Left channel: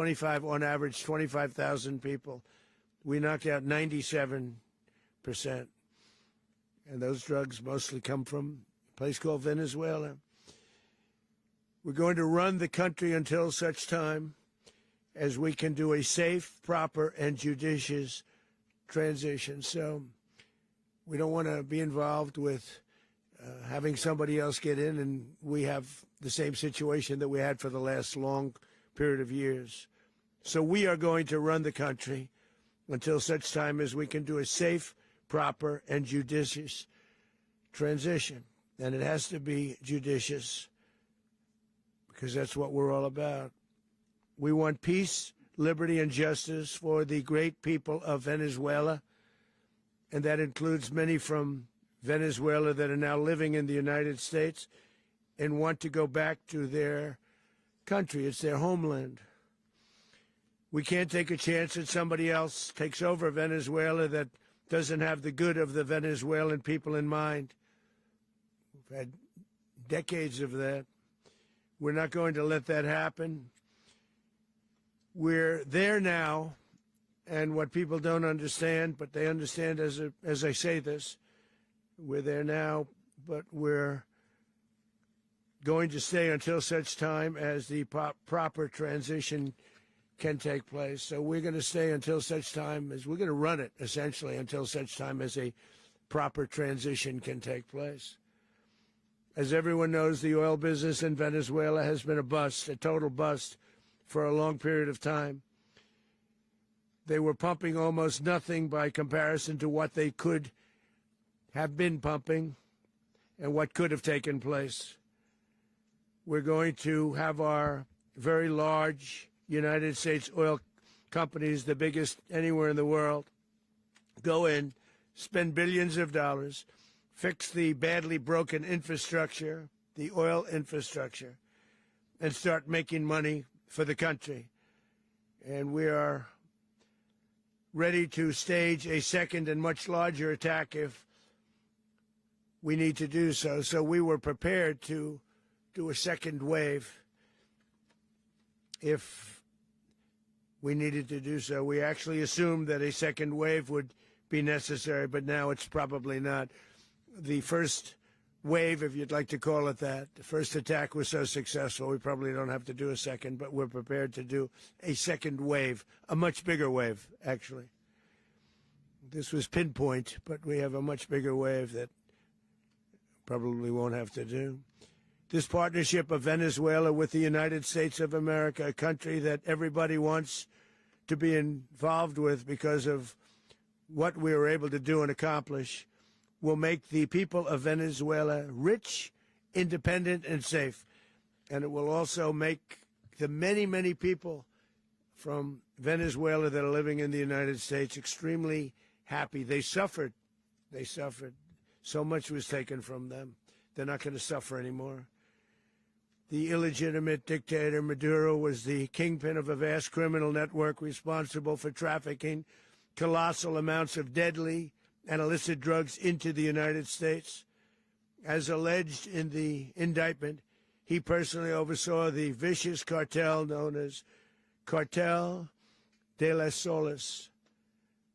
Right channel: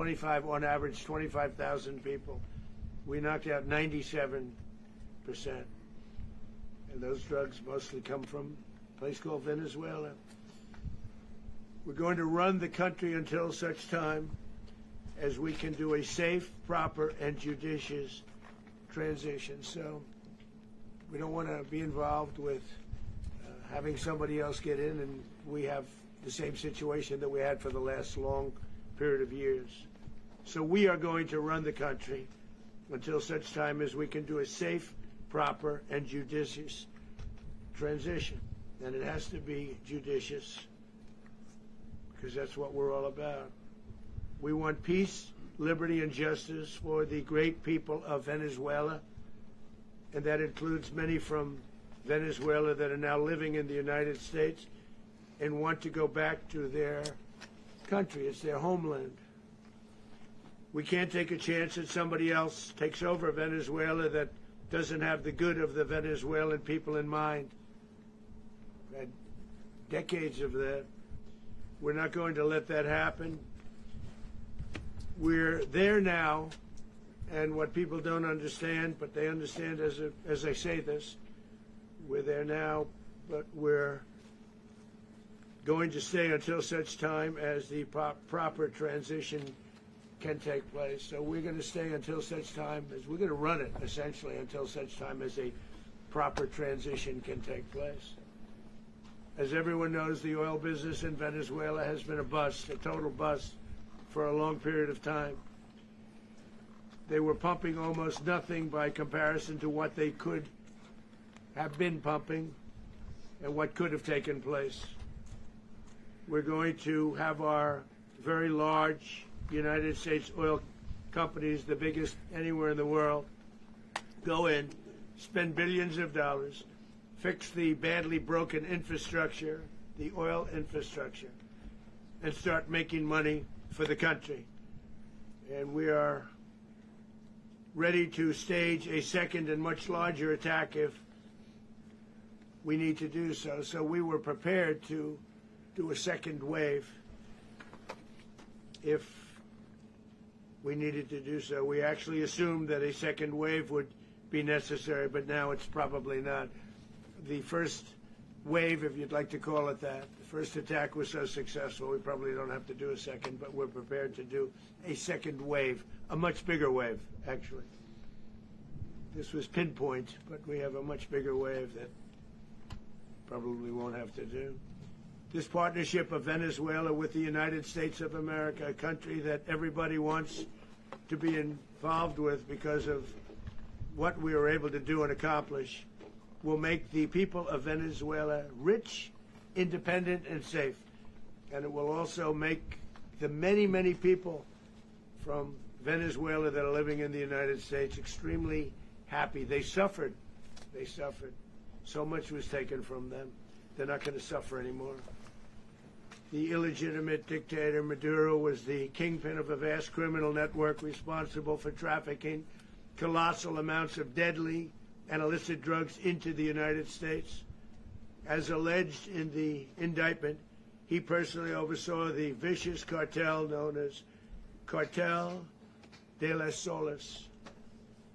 25, on average, 25,000 people. We knocked out 97%. And those drugs mostly come from a place called Venezuela. We're going to run the country until such time as we can do a safe, proper, and judicious transition. So we don't want to be involved with having somebody else get in and we have the same situation that we had for the last long period of years. So we are going to run the country until such time as we can do a safe, proper, and judicious transition. And it has to be judicious because that's what we're all about. We want peace, liberty, and justice for the great people of Venezuela, and that includes many from Venezuela that are now living in the United States and want to go back to their country. It's their homeland. We can't take a chance that somebody else takes over Venezuela that doesn't have the good of the Venezuelan people in mind. We've had decades of that. We're not going to let that happen. We're there now, and what people don't understand, but they understand as I say this, we're there now, but we're going to stay until such time as the proper transition can take place. So we're going to stay until such time as we're going to run it, essentially, until such time as a proper transition can take place. As everyone knows, the oil business in Venezuela has been a bust, a total bust, for a long period of time. They were pumping almost nothing by comparison to what they could have been pumping and what could have taken place. We're going to have our very large United States oil companies, the biggest anywhere in the world, go in, spend billions of dollars, fix the badly broken infrastructure, the oil infrastructure, and start making money for the country. And we are ready to stage a second and much larger attack if we need to do so. So we were prepared to do a second wave if we needed to do so. We actually assumed that a second wave would be necessary, but now it's probably not. The first wave, if you'd like to call it that, the first attack was so successful, we probably don't have to do a second, but we're prepared to do a second wave, a much bigger wave, actually. This was pinpoint, but we have a much bigger wave that probably won't have to do. This partnership of Venezuela with the United States of America, a country that everybody wants to be involved with because of what we were able to do and accomplish, will make the people of Venezuela rich, independent, and safe. And it will also make the many, many people from Venezuela that are living in the United States extremely happy. They suffered. They suffered. So much was taken from them. They're not going to suffer anymore. The illegitimate dictator Maduro was the kingpin of a vast criminal network responsible for trafficking colossal amounts of deadly and illicit drugs into the United States. As alleged in the indictment, he personally oversaw the vicious cartel known as Cartel de las Solas,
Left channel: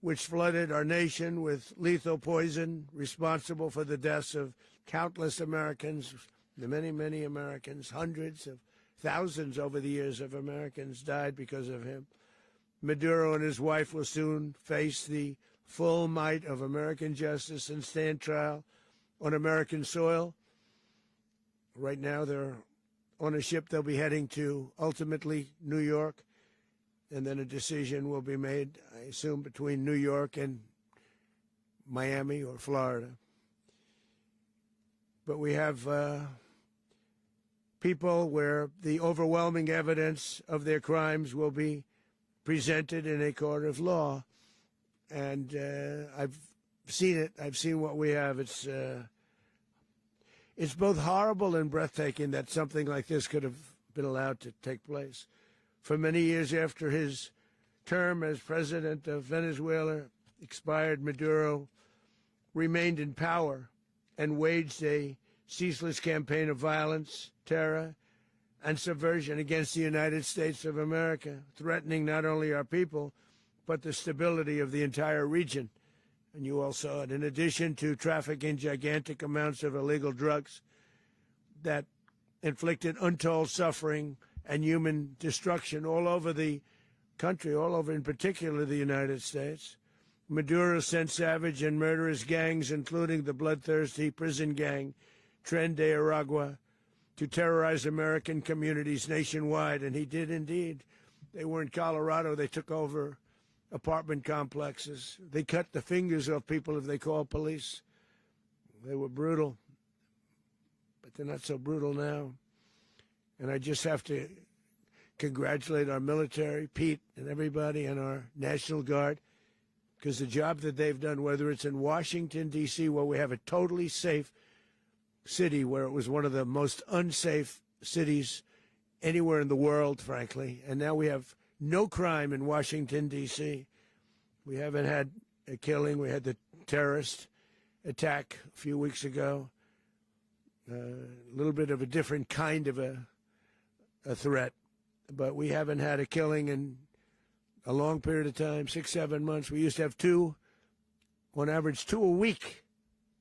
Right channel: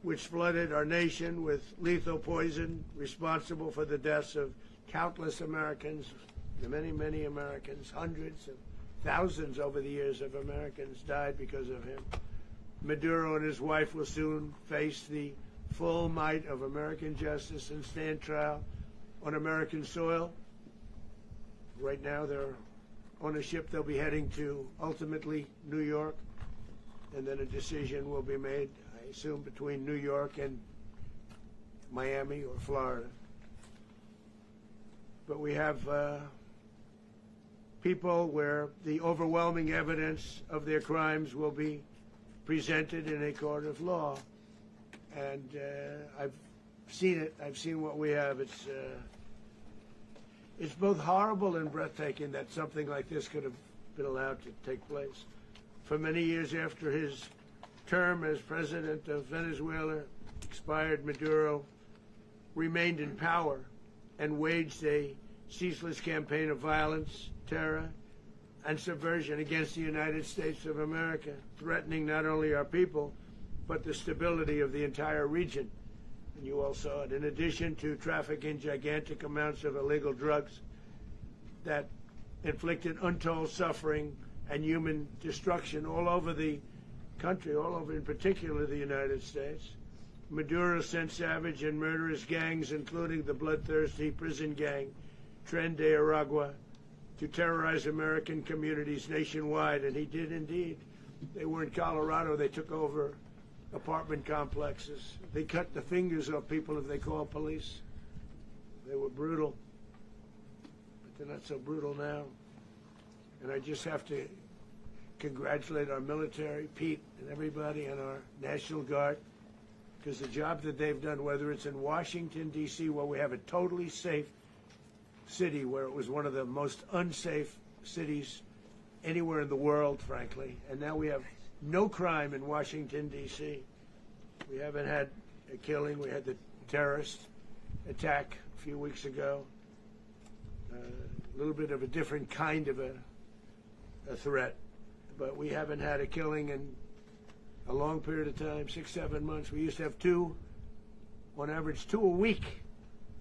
which flooded our nation with lethal poison responsible for the deaths of countless Americans, many, many Americans, hundreds of thousands over the years of Americans died because of him. Maduro and his wife will soon face the full might of American justice and stand trial on American soil. Right now they're on a ship. They'll be heading to, ultimately, New York, and then a decision will be made, I assume, between New York and Miami or Florida. But we have people where the overwhelming evidence of their crimes will be presented in a court of law. And I've seen it. I've seen what we have. It's both horrible and breathtaking that something like this could have been allowed to take place. For many years after his term as president of Venezuela expired, Maduro remained in power and waged a ceaseless campaign of violence, terror, and subversion against the United States of America, threatening not only our people, but the stability of the entire region. And you all saw it. In addition to trafficking gigantic amounts of illegal drugs that inflicted untold suffering and human destruction all over the country, all over in particular the United States, Maduro sent savage and murderous gangs, including the bloodthirsty prison gang Tren de Aragua, to terrorize American communities nationwide, and he did indeed. They were in Colorado. They took over apartment complexes. They cut the fingers off people if they called police. They were brutal, but they're not so brutal now. And I just have to congratulate our military, Pete and everybody, and our National Guard, because the job that they've done, whether it's in Washington, D.C., where we have a totally safe city, where it was one of the most unsafe cities anywhere in the world, frankly, and now we have no crime in Washington, D.C. We haven't had a killing. We had the terrorist attack a few weeks ago. A little bit of a different kind of a threat, but we haven't had a killing in a long period of time, 6-7 months. We used to have two, on average, 2 a week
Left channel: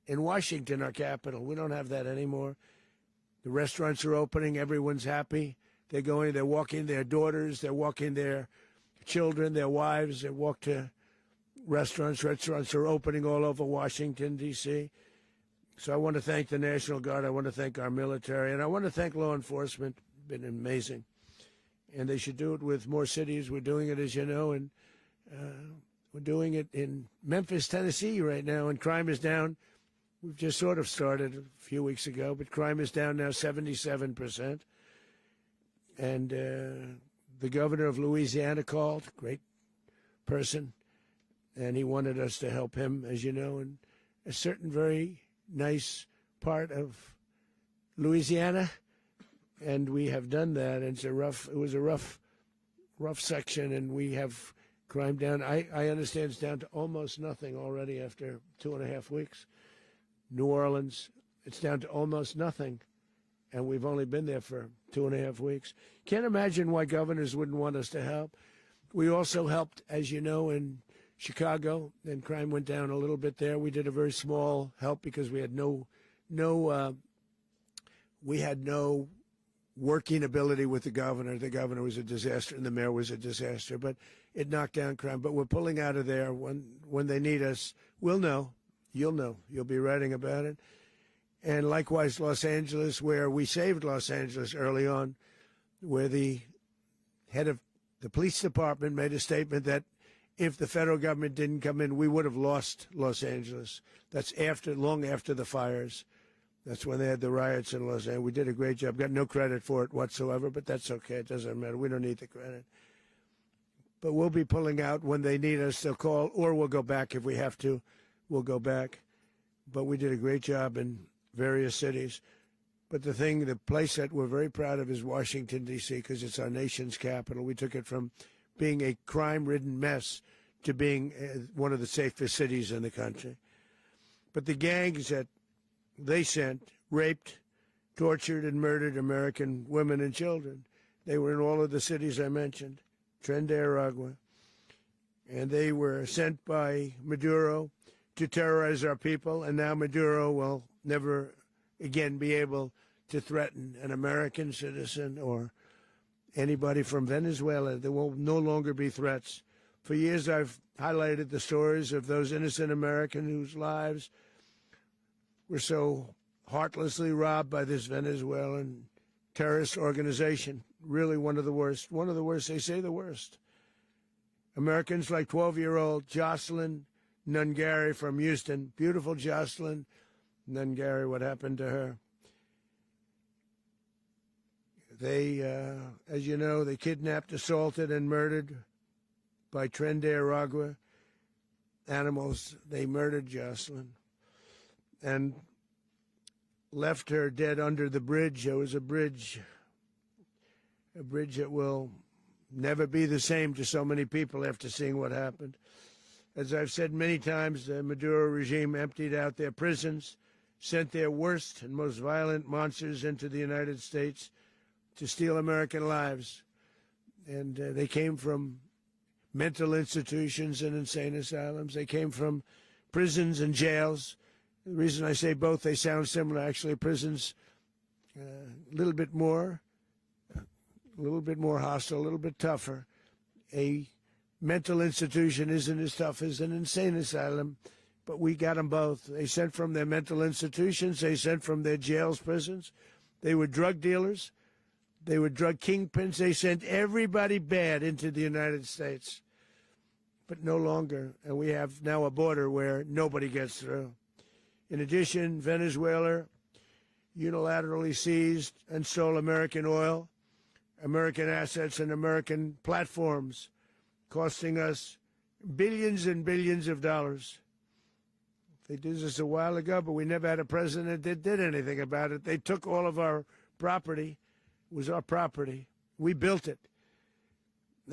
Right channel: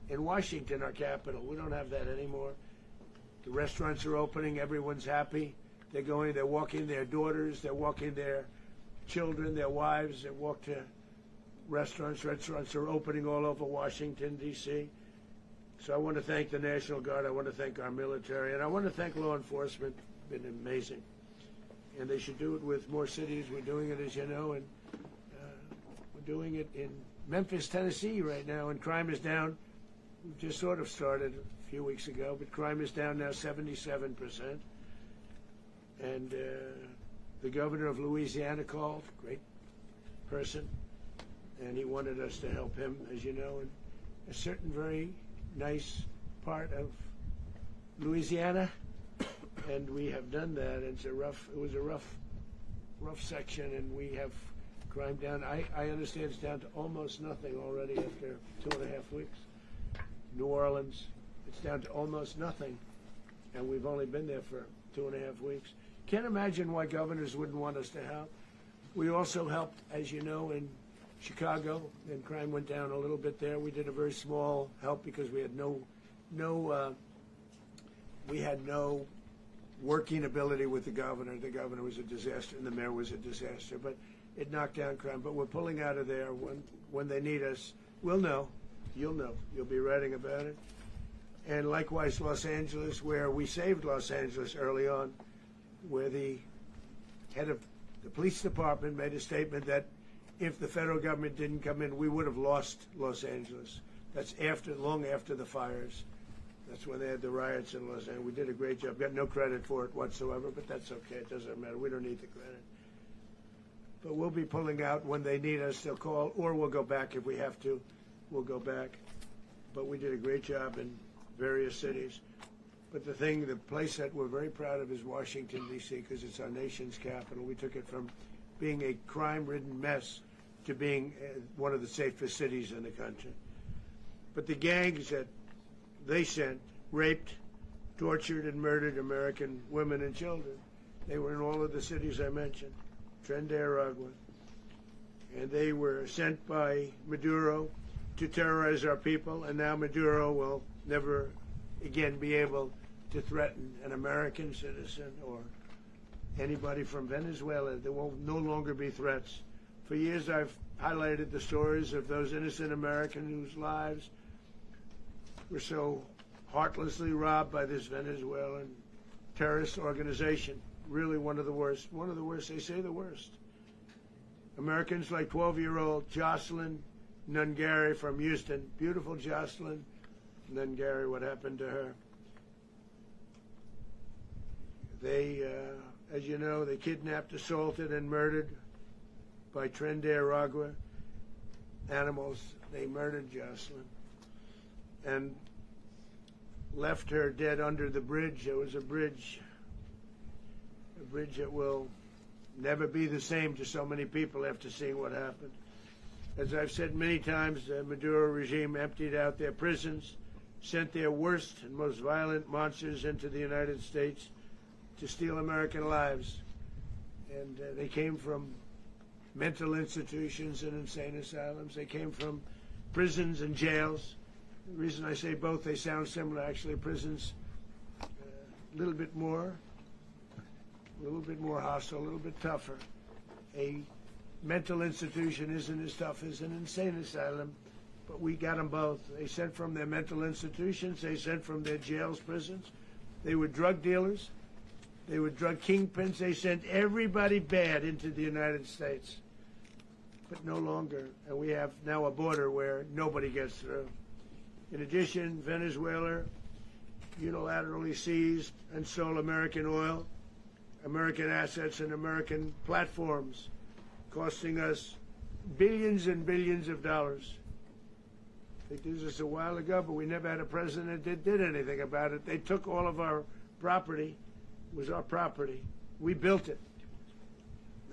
in Washington, our capital. We don't have that anymore. The restaurants are opening. Everyone's happy. They're going, they're walking their daughters, they're walking their children, their wives. They walk to restaurants. Restaurants are opening all over Washington, D.C. So I want to thank the National Guard. I want to thank our military. And I want to thank law enforcement. It's been amazing. And they should do it with more cities. We're doing it, as you know, and we're doing it in Memphis, Tennessee right now, and crime is down. We've just sort of started a few weeks ago, but crime is down now 77%. And the governor of Louisiana called, great person, and he wanted us to help him, as you know, in a certain very nice part of Louisiana. And we have done that. It was a rough section, and we have crime down. I understand it's down to almost nothing already after 2.5 weeks. New Orleans, it's down to almost nothing, and we've only been there for 2.5 weeks. Can't imagine why governors wouldn't want us to help. We also helped, as you know, in Chicago, and crime went down a little bit there. We did a very small help because we had no working ability with the governor. The governor was a disaster, and the mayor was a disaster. But it knocked down crime. But we're pulling out of there. When they need us, we'll know. You'll know. You'll be writing about it. And likewise, Los Angeles, where we saved Los Angeles early on, where the head of the police department made a statement that if the federal government didn't come in, we would have lost Los Angeles. That's long after the fires. That's when they had the riots in Los Angeles. We did a great job. Got no credit for it whatsoever, but that's okay. It doesn't matter. We don't need the credit. But we'll be pulling out when they need us. They'll call, or we'll go back if we have to. We'll go back. But we did a great job in various cities. But the place that we're very proud of is Washington, D.C., because it's our nation's capital. We took it from being a crime-ridden mess to being one of the safest cities in the country. But the gangs that they sent raped, tortured, and murdered American women and children. They were in all of the cities I mentioned, Tren de Aragua. And they were sent by Maduro to terrorize our people, and now Maduro will never again be able to threaten an American citizen or anybody from Venezuela. There will no longer be threats. For years I've highlighted the stories of those innocent Americans whose lives were so heartlessly robbed by this Venezuelan terrorist organization. Really one of the worst. One of the worst, they say the worst. Americans like 12-year-old Jocelyn Nungary from Houston. Beautiful Jocelyn Nungary, what happened to her? They, as you know, they kidnapped, assaulted, and murdered by Tren de Aragua animals. They murdered Jocelyn and left her dead under the bridge. There was a bridge that will never be the same to so many people after seeing what happened. As I've said many times, the Maduro regime emptied out their prisons, sent their worst and most violent monsters into the United States, to steal American lives. And they came from mental institutions and insane asylums. They came from prisons and jails. The reason I say both, they sound similar. Actually, prisons a little bit more hostile, a little bit tougher. A mental institution isn't as tough as an insane asylum, but we got them both. They sent from their mental institutions. They sent from their jails, prisons. They were drug dealers. They were drug kingpins. They sent everybody bad into the United States, but no longer. And we have now a border where nobody gets through. In addition, Venezuela unilaterally seized and stole American oil, American assets, and American platforms, costing us billions and billions of dollars. They did this a while ago, but we never had a president that did anything about it. They took all of our property. It was our property. We built it.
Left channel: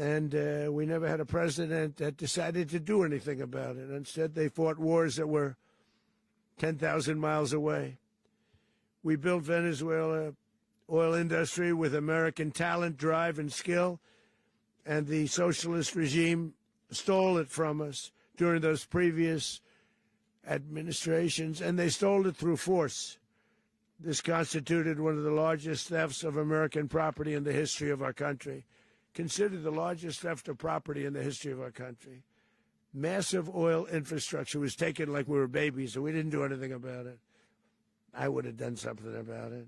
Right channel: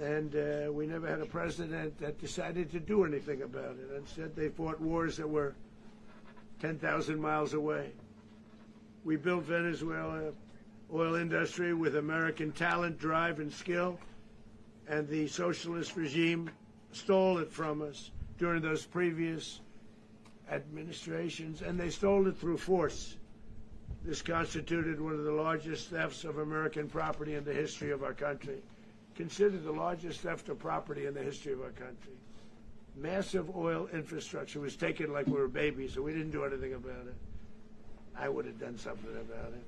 And we never had a president that decided to do anything about it. Instead, they fought wars that were 10,000 miles away. We built Venezuela oil industry with American talent, drive, and skill, and the socialist regime stole it from us during those previous administrations, and they stole it through force. This constituted one of the largest thefts of American property in the history of our country. Considered the largest theft of property in the history of our country. Massive oil infrastructure was taken like we were babies, and we didn't do anything about it. I would have done something about it.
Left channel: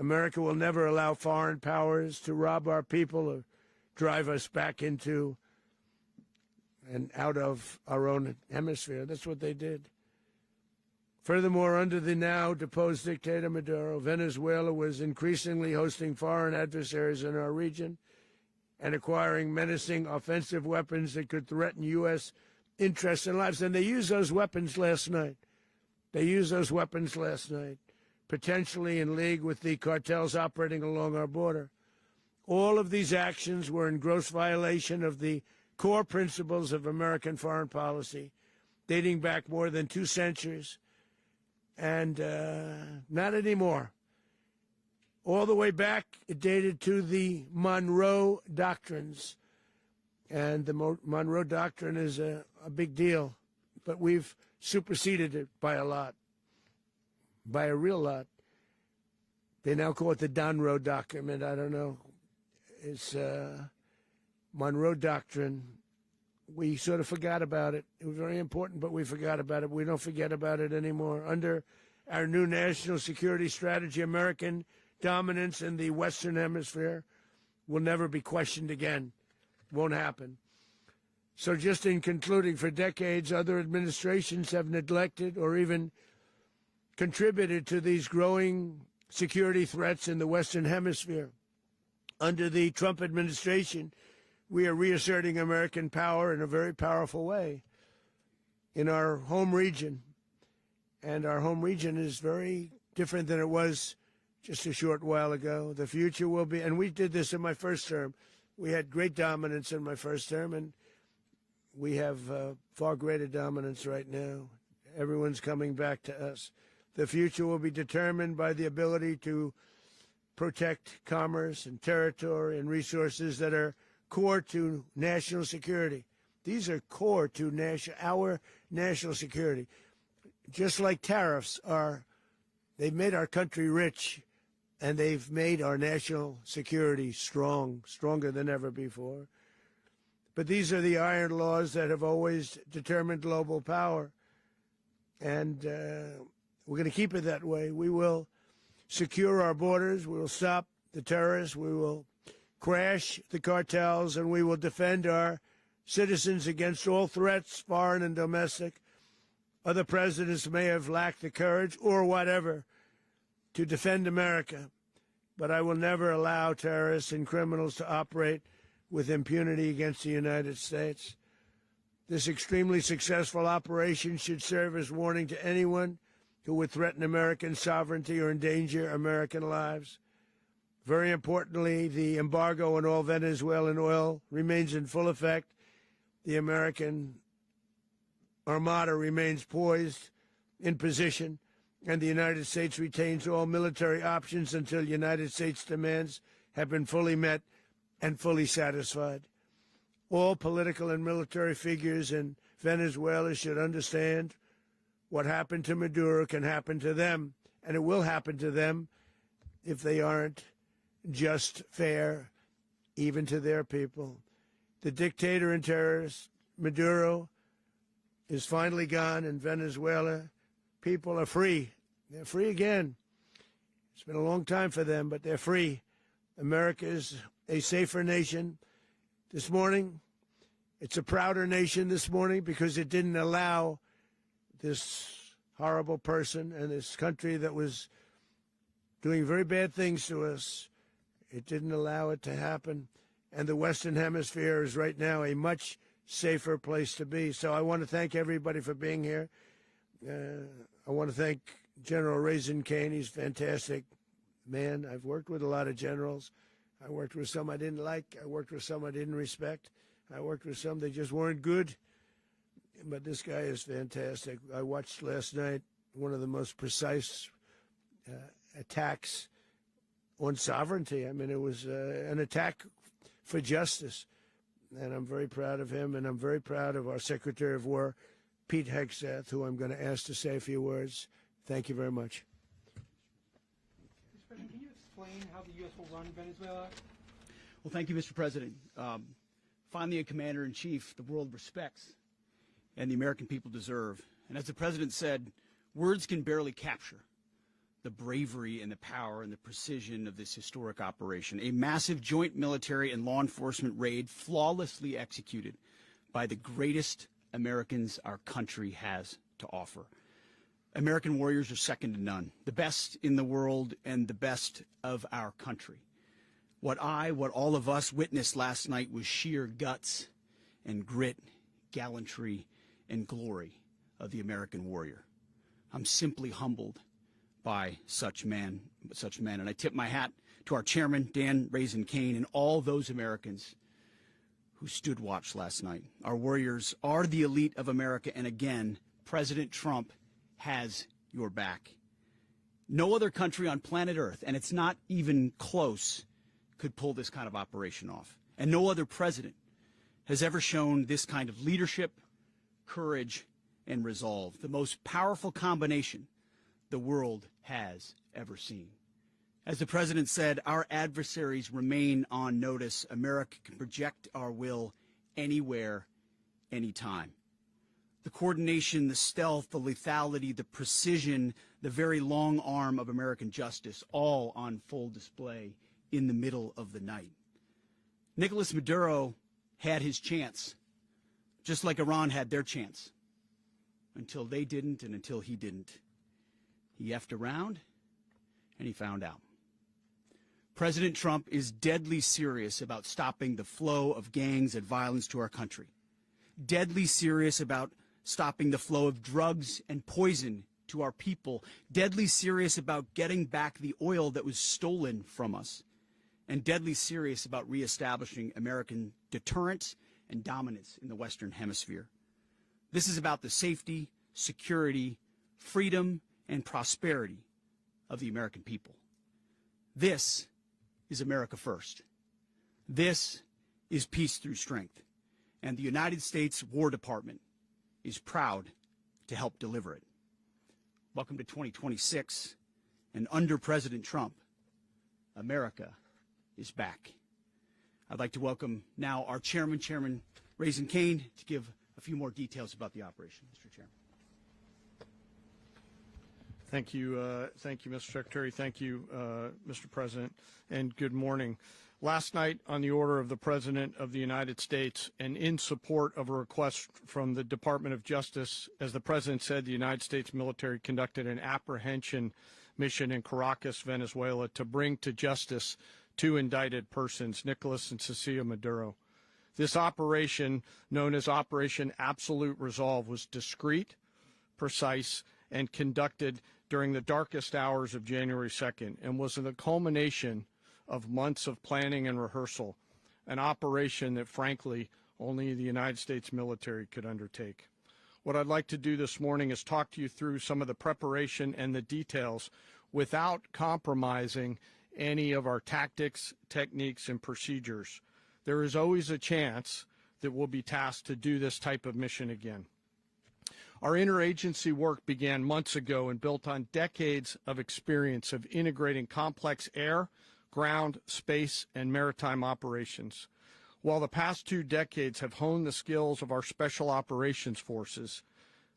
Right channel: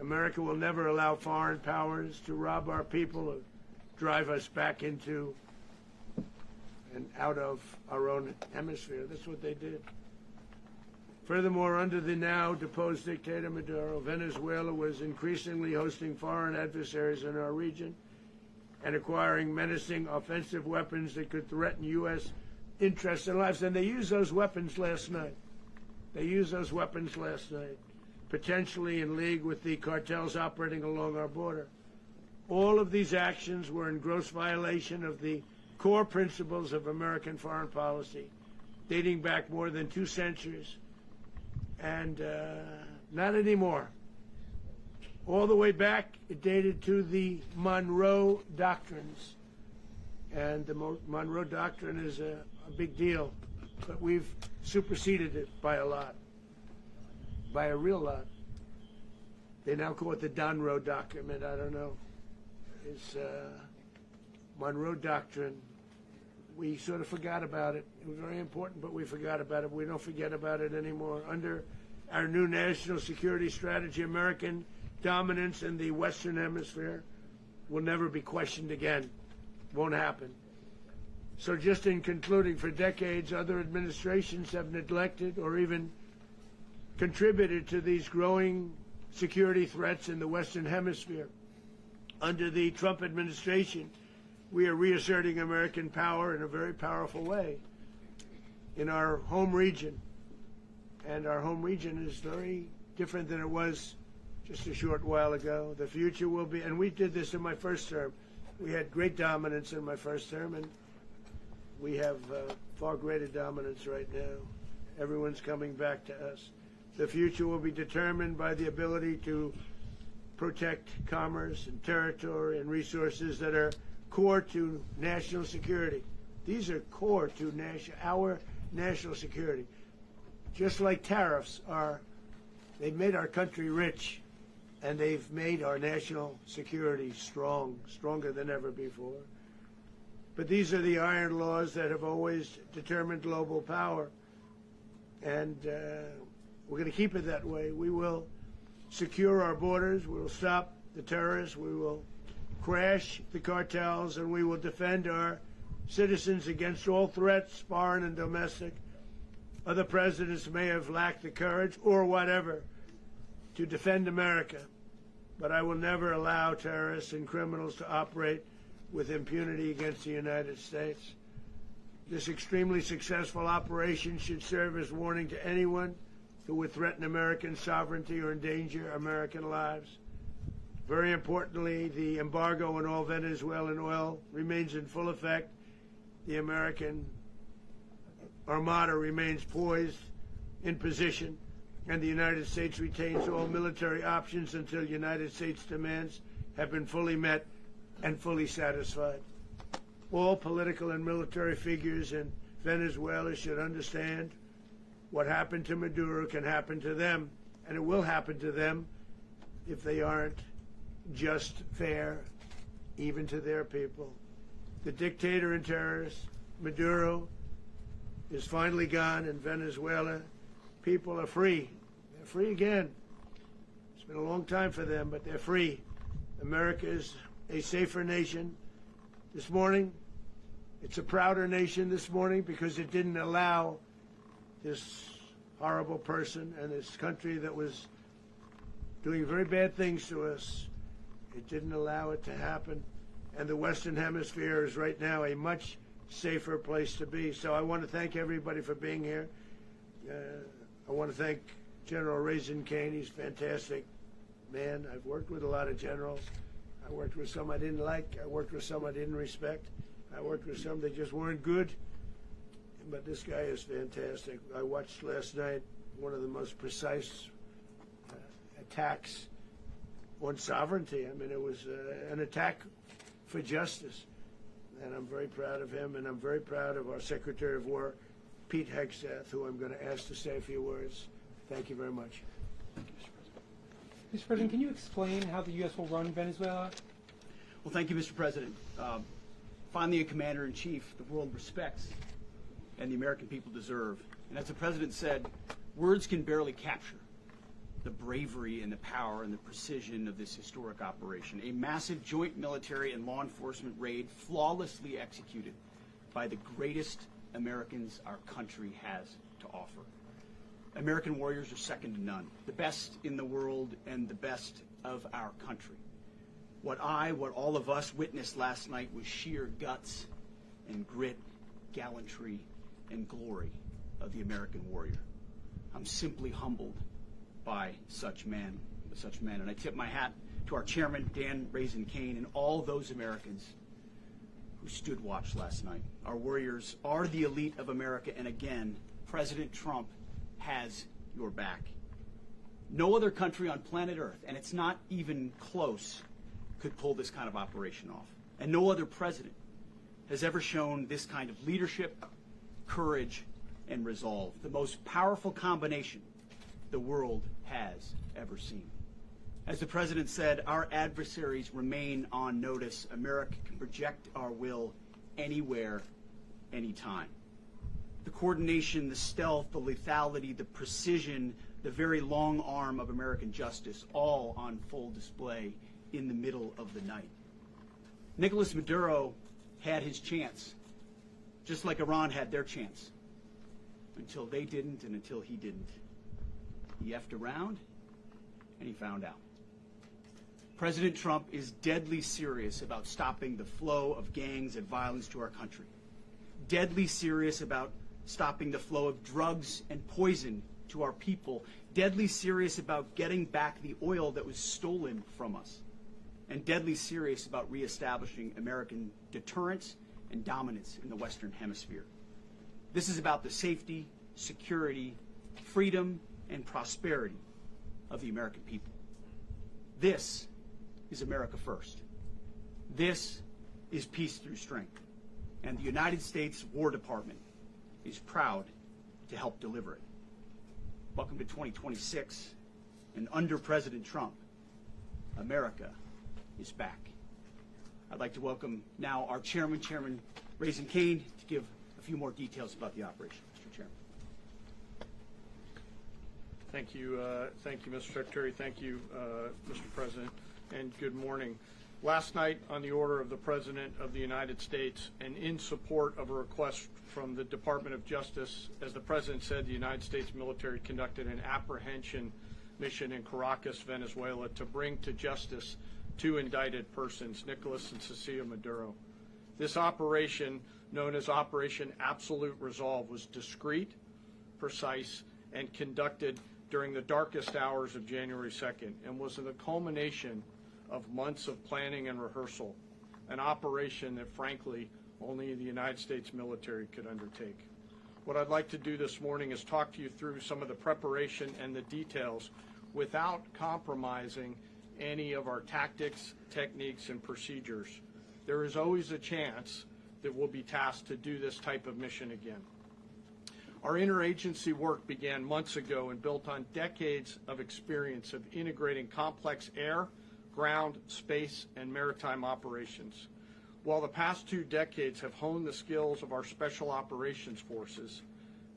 America will never allow foreign powers to rob our people or drive us back into and out of our own hemisphere. That's what they did. Furthermore, under the now deposed dictator Maduro, Venezuela was increasingly hosting foreign adversaries in our region and acquiring menacing offensive weapons that could threaten U.S. interests and lives. And they used those weapons last night. Potentially in league with the cartels operating along our border. All of these actions were in gross violation of the core principles of American foreign policy, dating back more than 2 centuries. And not anymore. All the way back, it dated to the Monroe Doctrines. And the Monroe Doctrine is a big deal. But we've superseded it by a lot. By a real lot. They now call it the Monroe Document. I don't know. It's Monroe Doctrine. We sort of forgot about it. It was very important, but we forgot about it. We don't forget about it anymore. Under our new national security strategy, American dominance in the Western Hemisphere will never be questioned again. Won't happen. So just in concluding, for decades, other administrations have neglected or even contributed to these growing security threats in the Western Hemisphere. Under the Trump administration, we are reasserting American power in a very powerful way in our home region. And our home region is very different than it was just a short while ago. The future will be, and we did this in my first term. We had great dominance in my first term, and we have far greater dominance right now. Everyone's coming back to us. The future will be determined by the ability to protect commerce and territory and resources that are core to national security. These are core to our national security. Just like tariffs are, they've made our country rich, and they've made our national security stronger than ever before. But these are the iron laws that have always determined global power. And we're going to keep it that way. We will secure our borders. We will stop the terrorists. We will crash the cartels, and we will defend our citizens against all threats, foreign and domestic. Other presidents may have lacked the courage or whatever to defend America, but I will never allow terrorists and criminals to operate with impunity against the United States. This extremely successful operation should serve as warning to anyone who would threaten American sovereignty or endanger American lives. Very importantly, the embargo on all Venezuelan oil remains in full effect. The American Armada remains poised in position, and the United States retains all military options until United States demands have been fully met and fully satisfied. All political and military figures in Venezuela should understand what happened to Maduro can happen to them, and it will happen to them if they aren't just, fair, even to their people. The dictator and terrorist, Maduro, is finally gone in Venezuela. People are free. They're free again. It's been a long time for them, but they're free. America is a safer nation. This morning, it's a prouder nation this morning because it didn't allow this horrible person and this country that was doing very bad things to us. It didn't allow it to happen. And the Western Hemisphere is right now a much safer place to be. So I want to thank everybody for being here. I want to thank General Raisin Kane. He's a fantastic man. I've worked with a lot of generals. I worked with some I didn't like. I worked with some I didn't respect. I worked with some that just weren't good. But this guy is fantastic. I watched last night one of the most precise attacks on sovereignty. I mean, it was an attack for justice. And I'm very proud of him, and I'm very proud of our Secretary of War, Pete Hegseth, who I'm going to ask to say a few words. Thank you very much. Mr. President, can you explain how the U.S. will run Venezuela? Well, thank you, Mr. President. Finally, a commander-in-chief the world respects and the American people deserve. And as the President said, words can barely capture the bravery and the power and the precision of this historic operation. A massive joint military and law enforcement raid flawlessly executed by the greatest Americans our country has to offer. American warriors are second to none, the best in the world and the best of our country. What all of us witnessed last night was sheer guts and grit, gallantry, and glory of the American warrior. I'm simply humbled by such men, and I tip my hat to our chairman, Dan Raisin Kane, and all those Americans who stood watch last night. Our warriors are the elite of America, and again, President Trump has your back. No other country on planet Earth, and it's not even close, could pull this kind of operation off. And no other president has ever shown this kind of leadership, courage, and resolve. The most powerful combination the world has ever seen. As the President said, our adversaries remain on notice. America can project our will anywhere, anytime. The coordination, the stealth, the lethality, the precision, the very long arm of American justice, all on full display in the middle of the night. Nicolas Maduro had his chance, just like Iran had their chance, until they didn't and until he didn't. He effed around, and he found out. President Trump is deadly serious about stopping the flow of gangs and violence to our country. Deadly serious about stopping the flow of drugs and poison to our people. Deadly serious about getting back the oil that was stolen from us. And deadly serious about reestablishing American deterrence and dominance in the Western Hemisphere. This is about the safety, security, freedom, and prosperity of the American people. This is America first. This is peace through strength. And the United States War Department is proud to help deliver it. Welcome to 2026, and under President Trump, America is back. I'd like to welcome now our chairman, Chairman Raisin Kane, to give a few more details about the operation. Mr. Chairman. Thank you, Mr. Secretary. Thank you, Mr. President, and good morning. Last night, on the order of the President of the United States and in support of a request from the Department of Justice, as the President said, the United States military conducted an apprehension mission in Caracas, Venezuela, to bring to justice two indicted persons, Nicolas and Cecilia Maduro. This operation, known as Operation Absolute Resolve, was discreet, precise, and conducted during the darkest hours of January 2nd and was the culmination of months of planning and rehearsal, an operation that, frankly, only the United States military could undertake. What I'd like to do this morning is talk to you through some of the preparation and the details without compromising any of our tactics, techniques, and procedures. There is always a chance that we'll be tasked to do this type of mission again. Our interagency work began months ago and built on decades of experience of integrating complex air, ground, space, and maritime operations. While the past 2 decades have honed the skills of our special operations forces,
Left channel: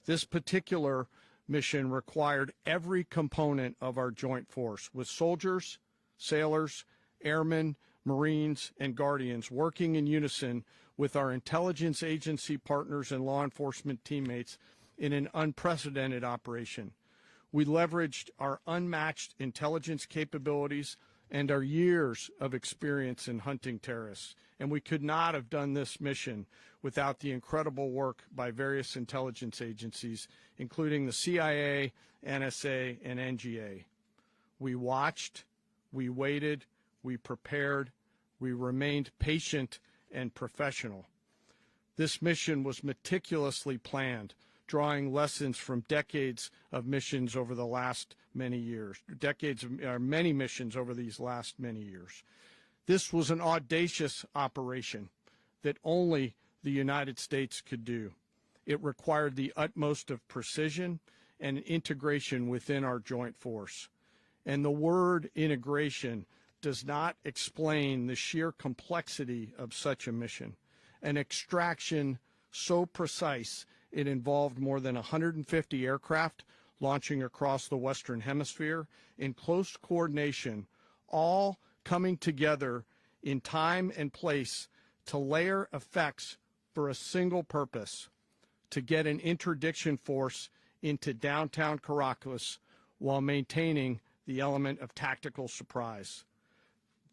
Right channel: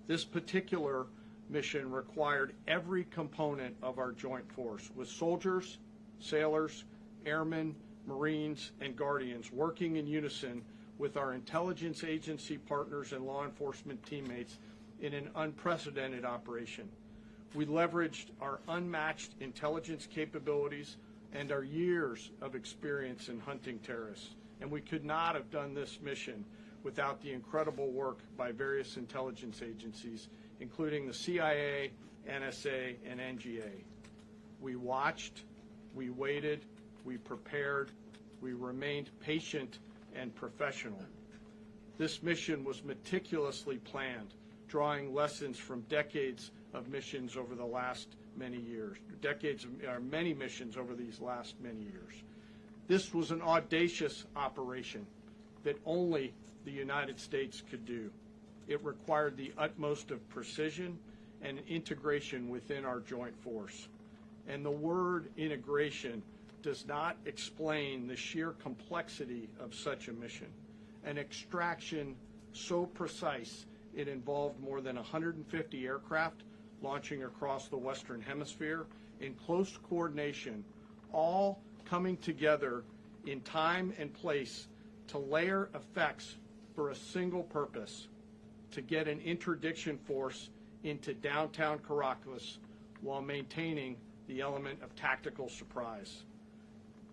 this particular mission required every component of our joint force, with soldiers, sailors, airmen, Marines, and Guardians working in unison with our intelligence agency partners and law enforcement teammates in an unprecedented operation. We leveraged our unmatched intelligence capabilities and our years of experience in hunting terrorists, and we could not have done this mission without the incredible work by various intelligence agencies, including the CIA, NSA, and NGA. We watched, we waited, we prepared, we remained patient and professional. This mission was meticulously planned, drawing lessons from decades of missions over the last many years, many missions over these last many years. This was an audacious operation that only the United States could do. It required the utmost of precision and integration within our joint force. And the word integration does not explain the sheer complexity of such a mission. An extraction so precise it involved more than 150 aircraft launching across the Western Hemisphere in close coordination, all coming together in time and place to layer effects for a single purpose: to get an interdiction force into downtown Caracas while maintaining the element of tactical surprise.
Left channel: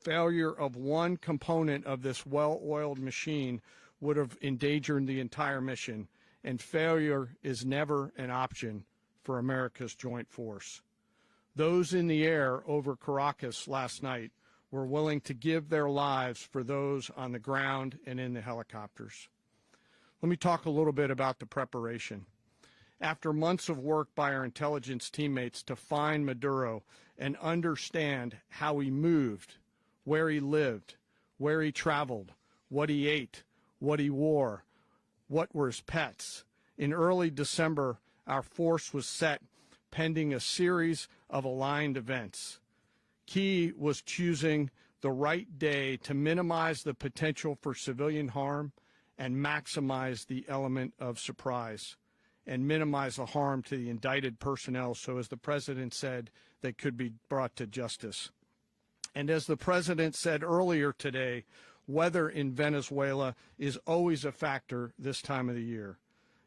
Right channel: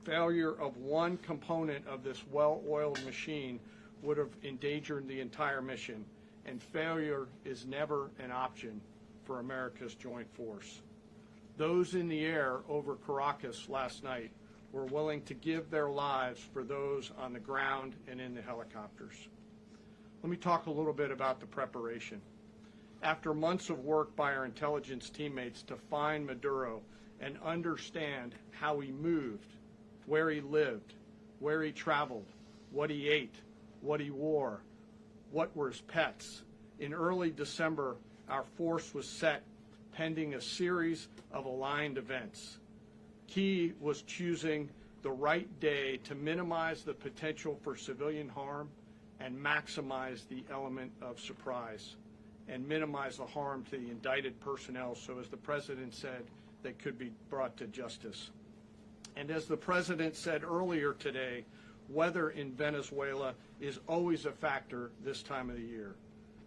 Failure of one component of this well-oiled machine would have endangered the entire mission, and failure is never an option for America's joint force. Those in the air over Caracas last night were willing to give their lives for those on the ground and in the helicopters. Let me talk a little bit about the preparation. After months of work by our intelligence teammates to find Maduro and understand how he moved, where he lived, where he traveled, what he ate, what he wore, what were his pets, in early December, our force was set pending a series of aligned events. Key was choosing the right day to minimize the potential for civilian harm and maximize the element of surprise, and minimize the harm to the indicted personnel, so as the President said, they could be brought to justice. And as the President said earlier today, weather in Venezuela is always a factor this time of the year.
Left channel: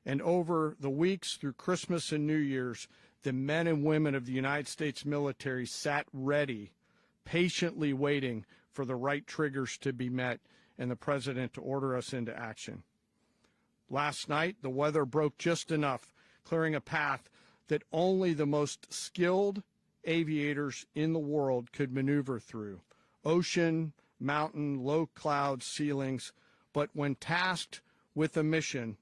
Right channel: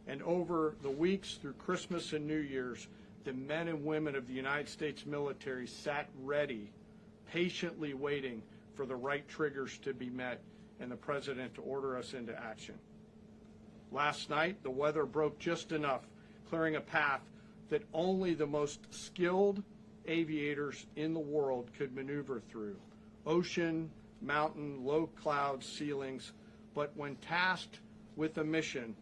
And over the weeks through Christmas and New Year's, the men and women of the United States military sat ready, patiently waiting for the right triggers to be met and the President to order us into action. Last night, the weather broke just enough, clearing a path that only the most skilled aviators in the world could maneuver through. Ocean, mountain, low cloud ceilings, but when tasked with a mission,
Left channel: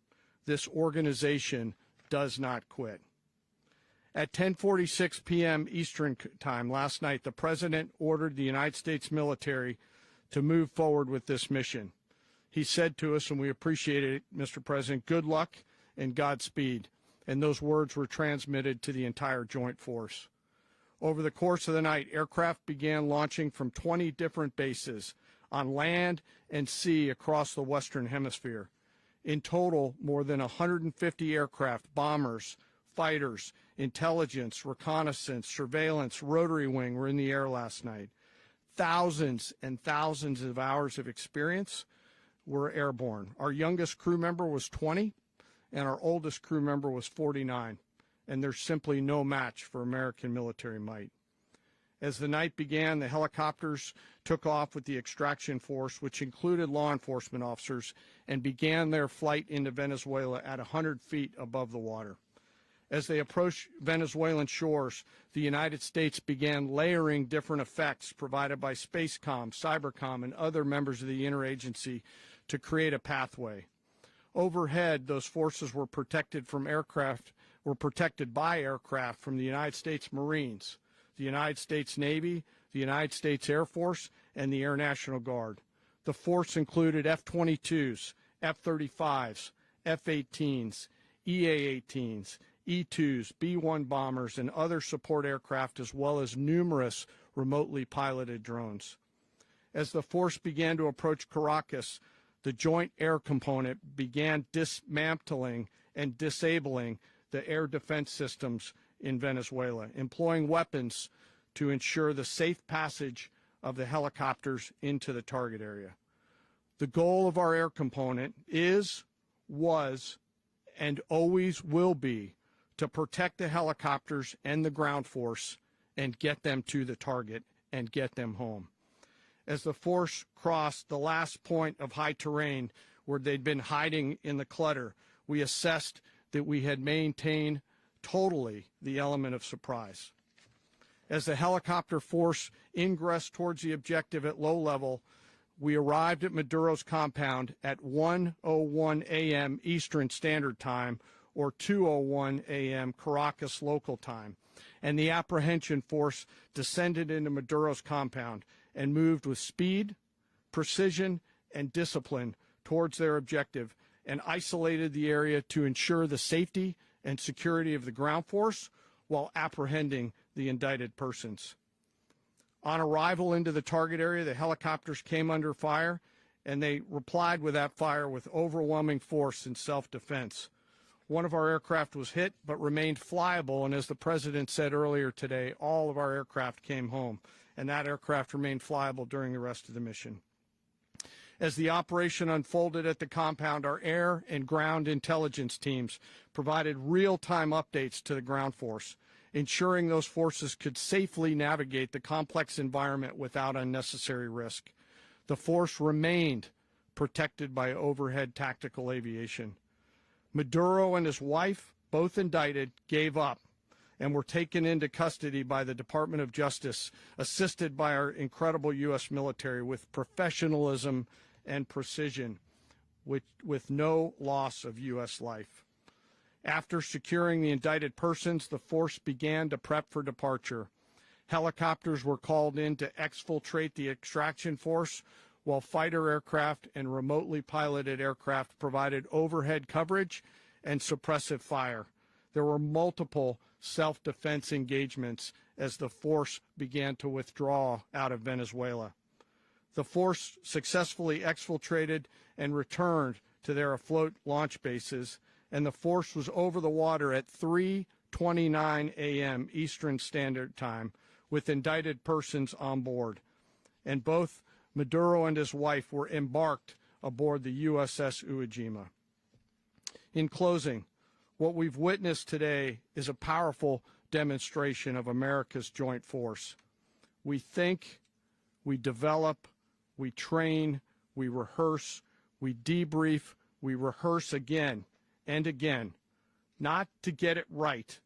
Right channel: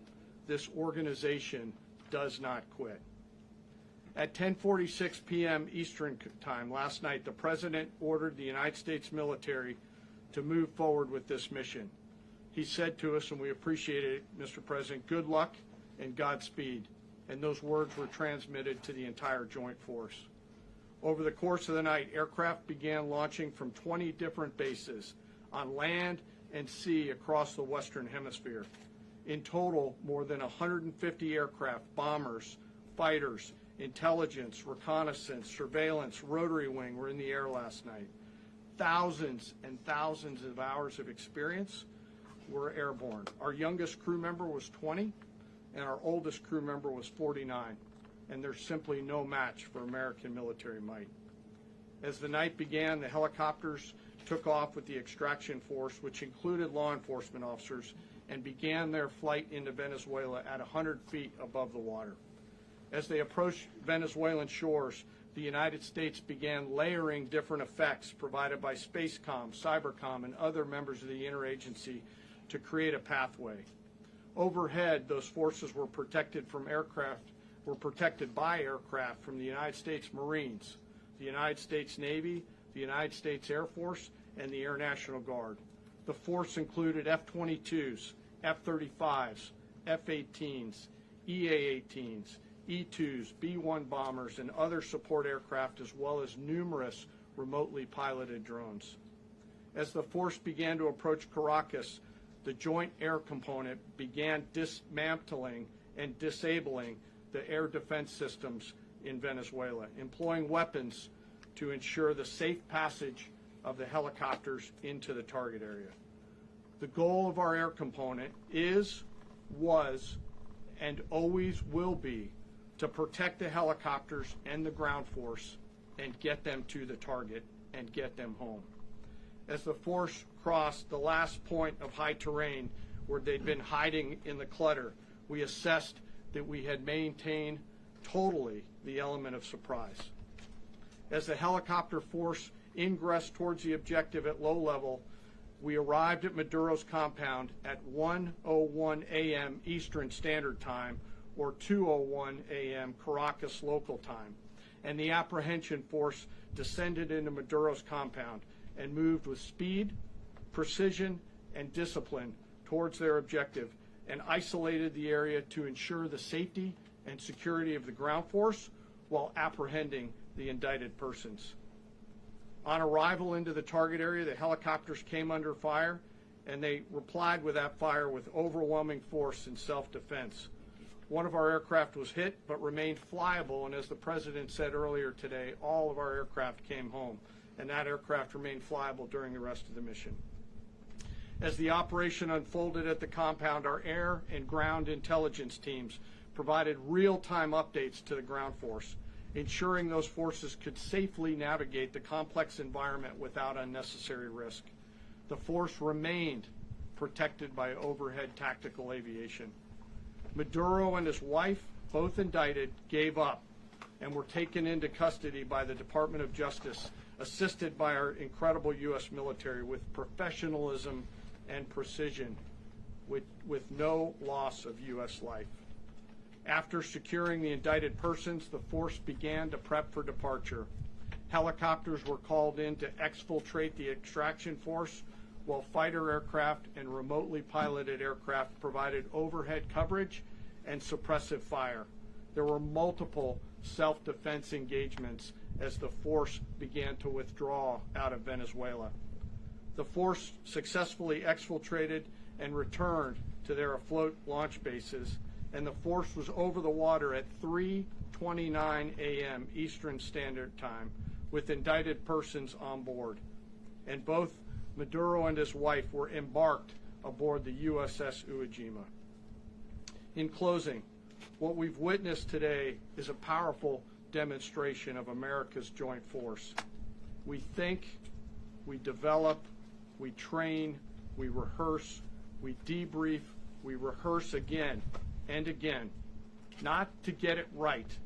this organization does not quit. At 10:46 p.m. Eastern Time last night, the President ordered the United States military to move forward with this mission. He said to us, and we appreciate it, Mr. President, good luck and Godspeed. And those words were transmitted to the entire joint force. Over the course of the night, aircraft began launching from 20 different bases on land and sea across the Western Hemisphere. In total, more than 150 aircraft, bombers, fighters, intelligence, reconnaissance, surveillance, rotary wing were in the air last night. Thousands and thousands of hours of experience were airborne. Our youngest crew member was 20, and our oldest crew member was 49. And there's simply no match for American military might. As the night began, the helicopters took off with the extraction force, which included law enforcement officers, and began their flight into Venezuela at 100 feet above the water. As they approached Venezuelan shores, the United States began layering different effects provided by Spacecom, Cybercom, and other members of the interagency to create a pathway. Overhead, those forces were protected by aircraft from the United States Marines, the United States Navy, the United States Air Force, and the Air National Guard. The force included F-22s, F-35s, F-18s, EA-18s, E-2s, B-1 bombers, and other support aircraft, as well as numerous remotely piloted drones. As the force began to approach Caracas, the Joint Air Component began dismantling and disabling the air defense systems in Venezuela, employing weapons to ensure the safe passage of the helicopters into the target area. The goal of our air component is, was, and always will be to protect the helicopters and the ground force and get them to the target and get them home. As the force crossed the last point of high terrain where they'd been hiding in the clutter, we assessed that we had maintained totally the element of surprise. As the helicopter force ingressed towards the objective at low level, we arrived at Maduro's compound at 1:01 a.m. Eastern Standard Time, or 2:01 a.m. Caracas local time, and the apprehension force descended into Maduro's compound and moved with speed, precision, and discipline towards their objective, and isolated the area to ensure the safety and security of the ground force while apprehending the indicted persons. On arrival into the target area, the helicopters came under fire, and they replied with that fire with overwhelming force in self-defense. One of our aircraft was hit but remained flyable, and as the President said earlier today, all of our aircraft came home, and that aircraft remained flyable during the rest of the mission. As the operation unfolded at the compound, our air and ground intelligence teams provided real-time updates to the ground force, ensuring those forces could safely navigate the complex environment without unnecessary risk. The force remained protected by overhead tactical aviation. Maduro and his wife, both indicted, gave up and were taken into custody by the Department of Justice, assisted by our incredible U.S. military with professionalism and precision, with no loss of U.S. life. After securing the indicted persons, the force began to prep for departure. Helicopters were called in to exfiltrate the extraction force, while fighter aircraft and remotely piloted aircraft provided overhead coverage and suppressive fire. There were multiple self-defense engagements as the force began to withdraw out of Venezuela. The force successfully exfiltrated and returned to their afloat launch bases, and the force was over the water at 3:29 a.m. Eastern Standard Time with indicted persons on board. And both Maduro and his wife were embarked aboard the USS Iwo Jima. In closing, what we've witnessed today is a powerful demonstration of America's joint force. We think, we develop, we train, we rehearse, we debrief, we rehearse again and again, not to get it right,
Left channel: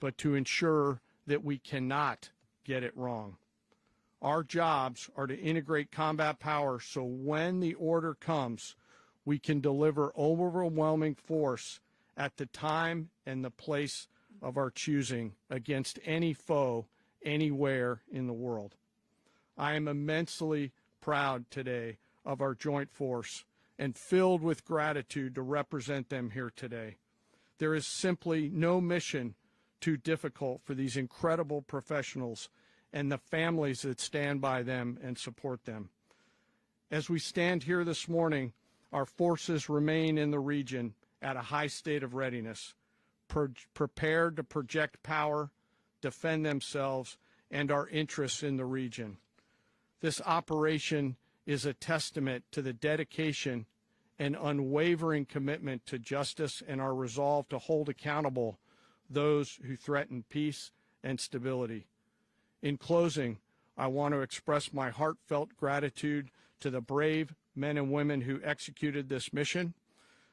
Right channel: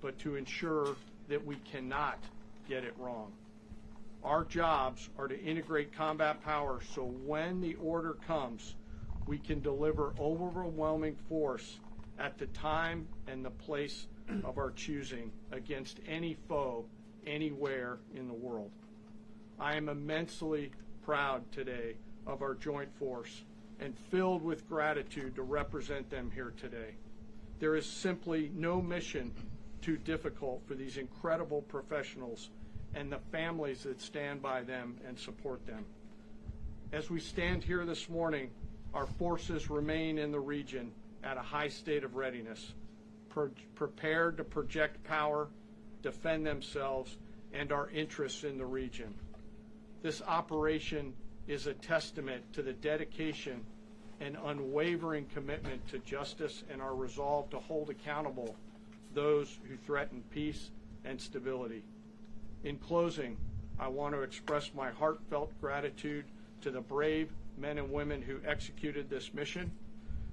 but to ensure that we cannot get it wrong. Our jobs are to integrate combat power so when the order comes, we can deliver overwhelming force at the time and the place of our choosing against any foe anywhere in the world. I am immensely proud today of our joint force and filled with gratitude to represent them here today. There is simply no mission too difficult for these incredible professionals and the families that stand by them and support them. As we stand here this morning, our forces remain in the region at a high state of readiness, prepared to project power, defend themselves, and our interests in the region. This operation is a testament to the dedication and unwavering commitment to justice and our resolve to hold accountable those who threaten peace and stability. In closing, I want to express my heartfelt gratitude to the brave men and women who executed this mission.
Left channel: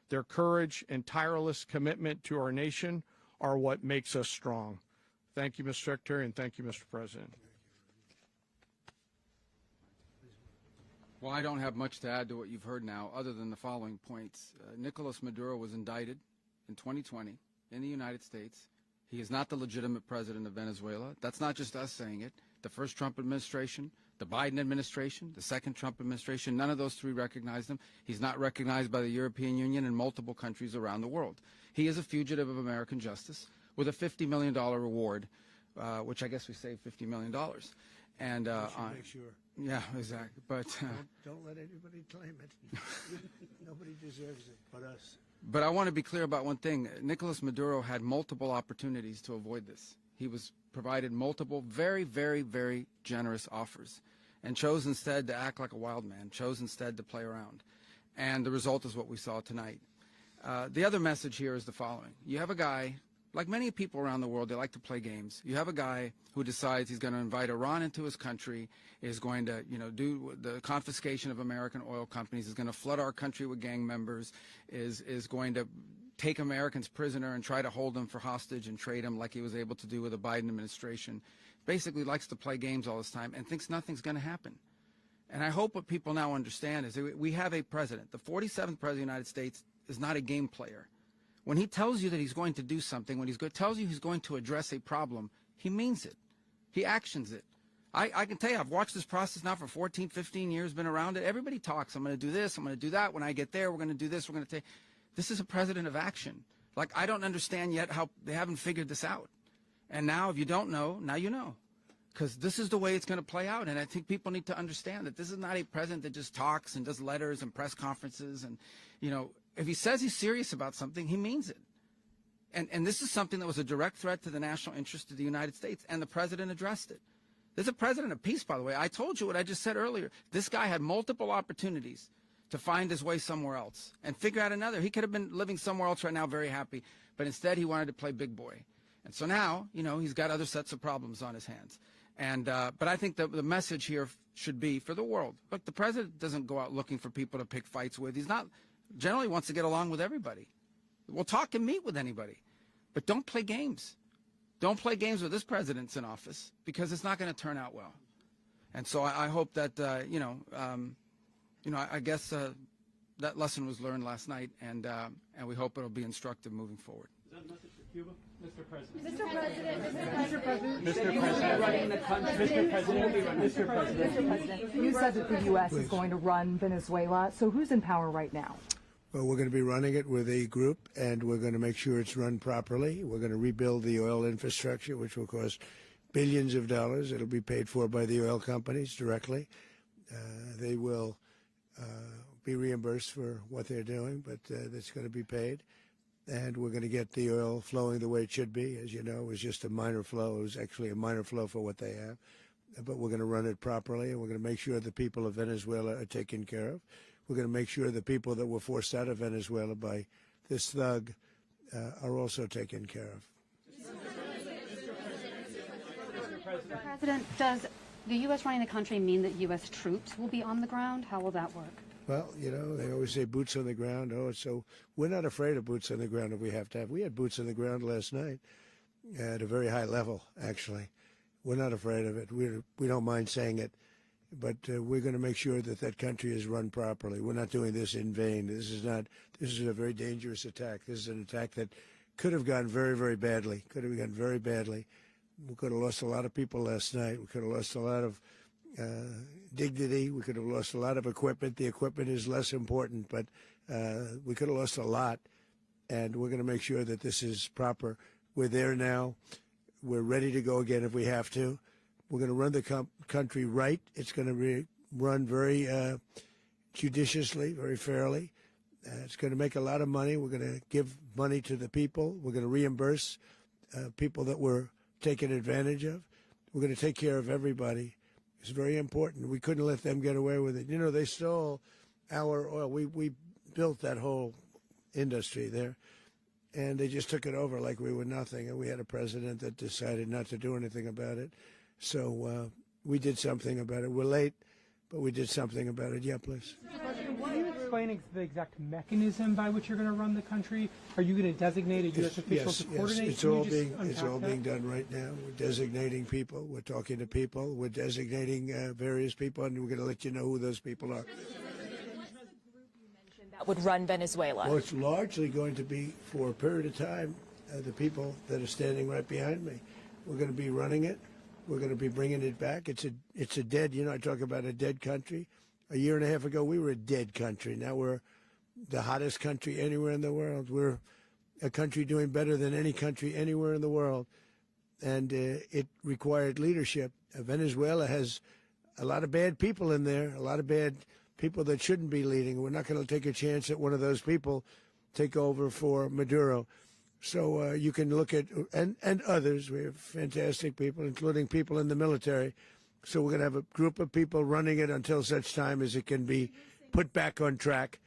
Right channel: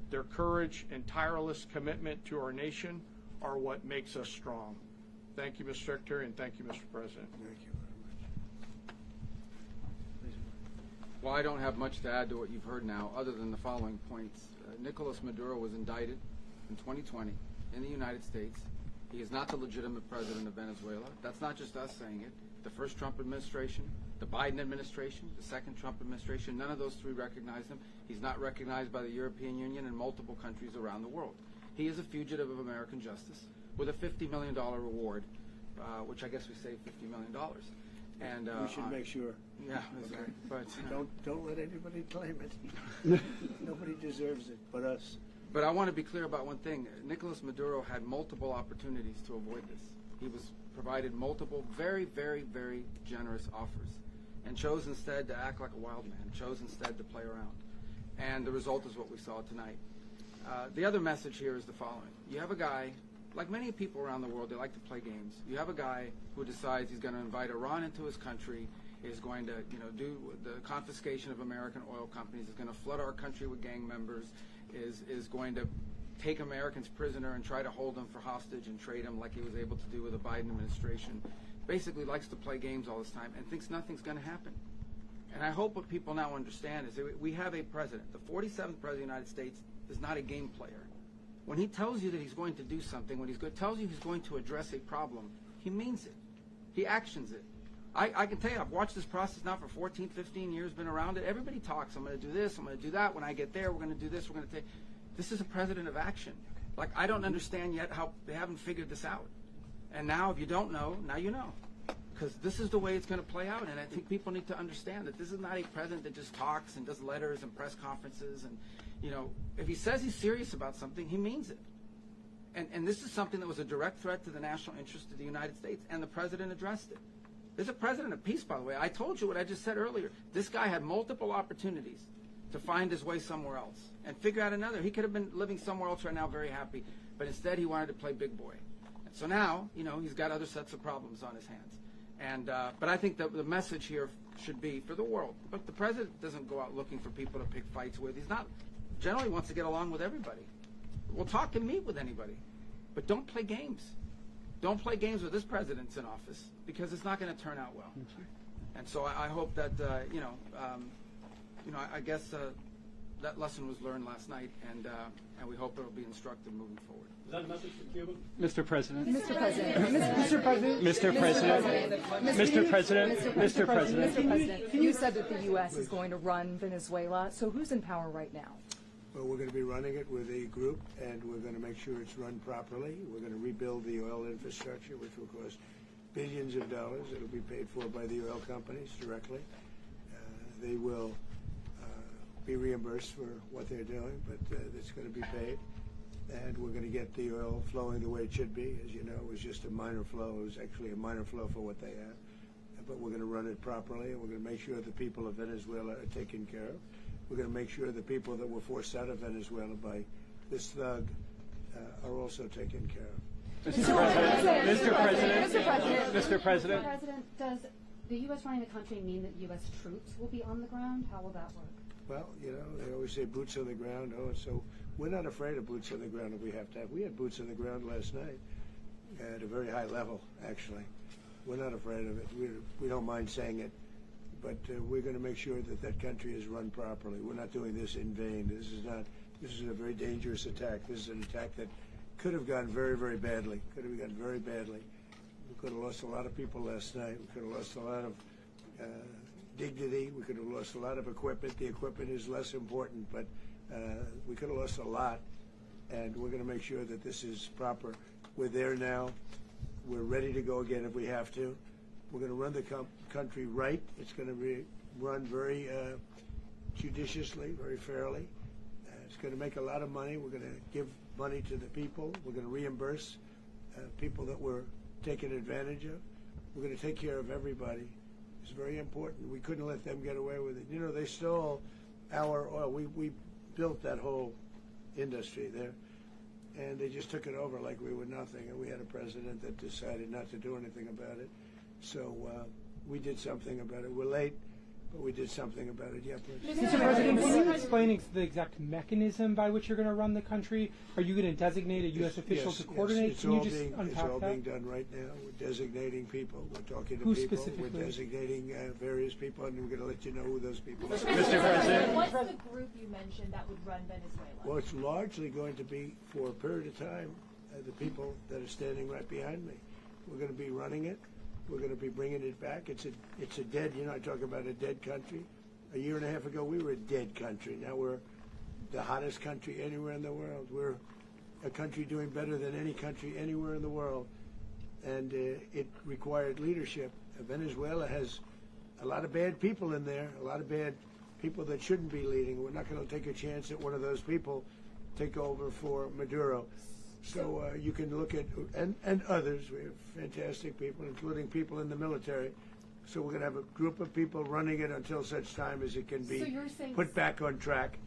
Their courage and tireless commitment to our nation are what makes us strong. Thank you, Mr. Secretary, and thank you, Mr. President. Well, I don't have much to add to what you've heard now, other than the following points. Nicolas Maduro was indicted in 2020 in the United States. He is not the legitimate president of Venezuela. That's not just us saying it. the first Trump administration, the Biden administration, the second Trump administration. None of those three recognized him. He's not recognized by the European Union and multiple countries around the world. He is a fugitive of American justice with a $50 million reward, which I guess we saved $50 million. And We should make sure. yeah, exactly. But Don't let anybody claim it. Nobody deserves it but us. But I want to be clear about one thing. Nicolas Maduro had multiple opportunities to avoid this. He was provided multiple very, very, very generous offers and chose instead to act like a wild man, chose instead to play around. And the result is what we saw tonight. The other message here is the following. You have a guy, like many people around the world, they like to play games. You have a guy who decides he's going to invite Iran into his country, is going to, do the confiscation of American oil companies, is going to flood our country with gang members, is going to take Americans prisoner and try to hold them for hostage and trade them like he was able to do with the Biden administration. Basically likes to play games all this time and thinks nothing's going to happen. And I hope what people now understand is that we have a president. The 47th president of the United States is not a game player. When he tells you that he's going to do something, when tells you he's going to address a problem, he means it. He actions it. I can tell you, I've watched this process now for 14, 15 years, been around it. Everybody talks, I'm going to do this, I'm going to do that. When I get there, we're going to do this, we're going to take. This is a president of action. Like, I don't understand yet how they haven't figured this out. And now, if you don't know, now you know. Because this is the way it's going to play out. And I think people need to understand that this is not a president that just talks and does letters and press conferences. And, if he says he's serious about something, he means it. And this is something that was a direct threat to the national interest of the United States. And the president addressed it. This is a president of peace, by the way. I told you what I just said earlier. This guy had multiple opportunities to find his way somewhere else and figure out another. He could have been living somewhere else right now very happy, but instead he wanted to play big boy. And so now, he's got other sets of problems on his hands. And but I think the message here should be for the world. Look, the president doesn't go out looking for people to pick fights with. He's not, generally wants to get along with everybody. We'll talk and meet with anybody, but don't play games. Don't play games with this president's in office because it's not going to turn out well. And so I hope that, I guess that lesson was learned last night, and we hope it'll be instructive moving forward. Is that a message for Cuba? Mr. President. Mr. President. Mr. President. Mr. President. Mr. President. You said that the U.S. is going to run Venezuela. So who's in power right now? Well, we're going to be running it with a group, and we're going to make sure it's run properly. We're going to rebuild the oil infrastructure, which will cost billions of dollars. It'll be paid for by the oil companies directly. They will be reimbursed for what they're doing, but it's going to be paid. And we're going to get the oil flowing the way it should be. As you know, it was just a minor flow. It was actually a minor flow for what they have. But we're going to run it properly, and we're going to make sure the people of Venezuela are taken care of. We're going to make sure the people that were forced out of Venezuela by this thug are also taken care of. Mr. President. Mr. President. Mr. President. Mr. President. President, does the U.S. running the country mean that U.S. troops will be on the ground? How will that work? Well, they always say boots on the ground. Oh, so we're not afraid of boots on the ground if we have to have. We had boots on the ground last night at a very high level, actually. We're not afraid of it. We don't mind saying it. But we're going to make sure that that country is run properly. We're not doing this in vain. This is a very dangerous attack. This is an attack that could have gone very, very badly. Could have gone very badly. We could have lost a lot of people last night. We could have lost a lot of dignity. We could have lost a lot of equipment. The equipment is less important, but we could have lost a lot. And we're going to make sure that this is proper. We're there now. We're ready to go again if we have to. We're going to run the country right. It's going to be run very judiciously, very fairly. It's going to make a lot of money. We're going to give money to the people. We're going to reimburse people that were taken advantage of. We're going to take care of everybody. It's very important. We couldn't let them get away with it. They stole our oil. We built that whole industry there, and they just took it over like we were nothing. And we had a president that decided not to do anything about it. So we did something about it. We're late, but we did something about it. Yeah, please. Mr. President, can you explain the exact mechanism by which you're going to run the country? Are you going to designate a U.S. official to coordinate? It's Can all you just being unpack that? being done right now. We're designating people. We're talking to Who people. We're specifically? designating various people, and we're going to let you know who those people are. Mr. President. What's the group you mentioned that would run Venezuela? Well, it's largely going to be, for a period of time, the people that are standing right behind me. We're going to be running it. We're going to be bringing it back. It's a dead. I talk about a dead country. A year and a half ago, we were a dead country. Now we're the hottest country anywhere in the world. We're a country doing better than any country anywhere in the world, and it required leadership. Venezuela has a lot of bad people in there, a lot of bad people that shouldn't be leading. We're not going to take a chance that one of those people take over for Maduro. So you can look at, and others, we have fantastic people, including people in the military. So we're going to have a group of people running it until such time as it can be put back on track,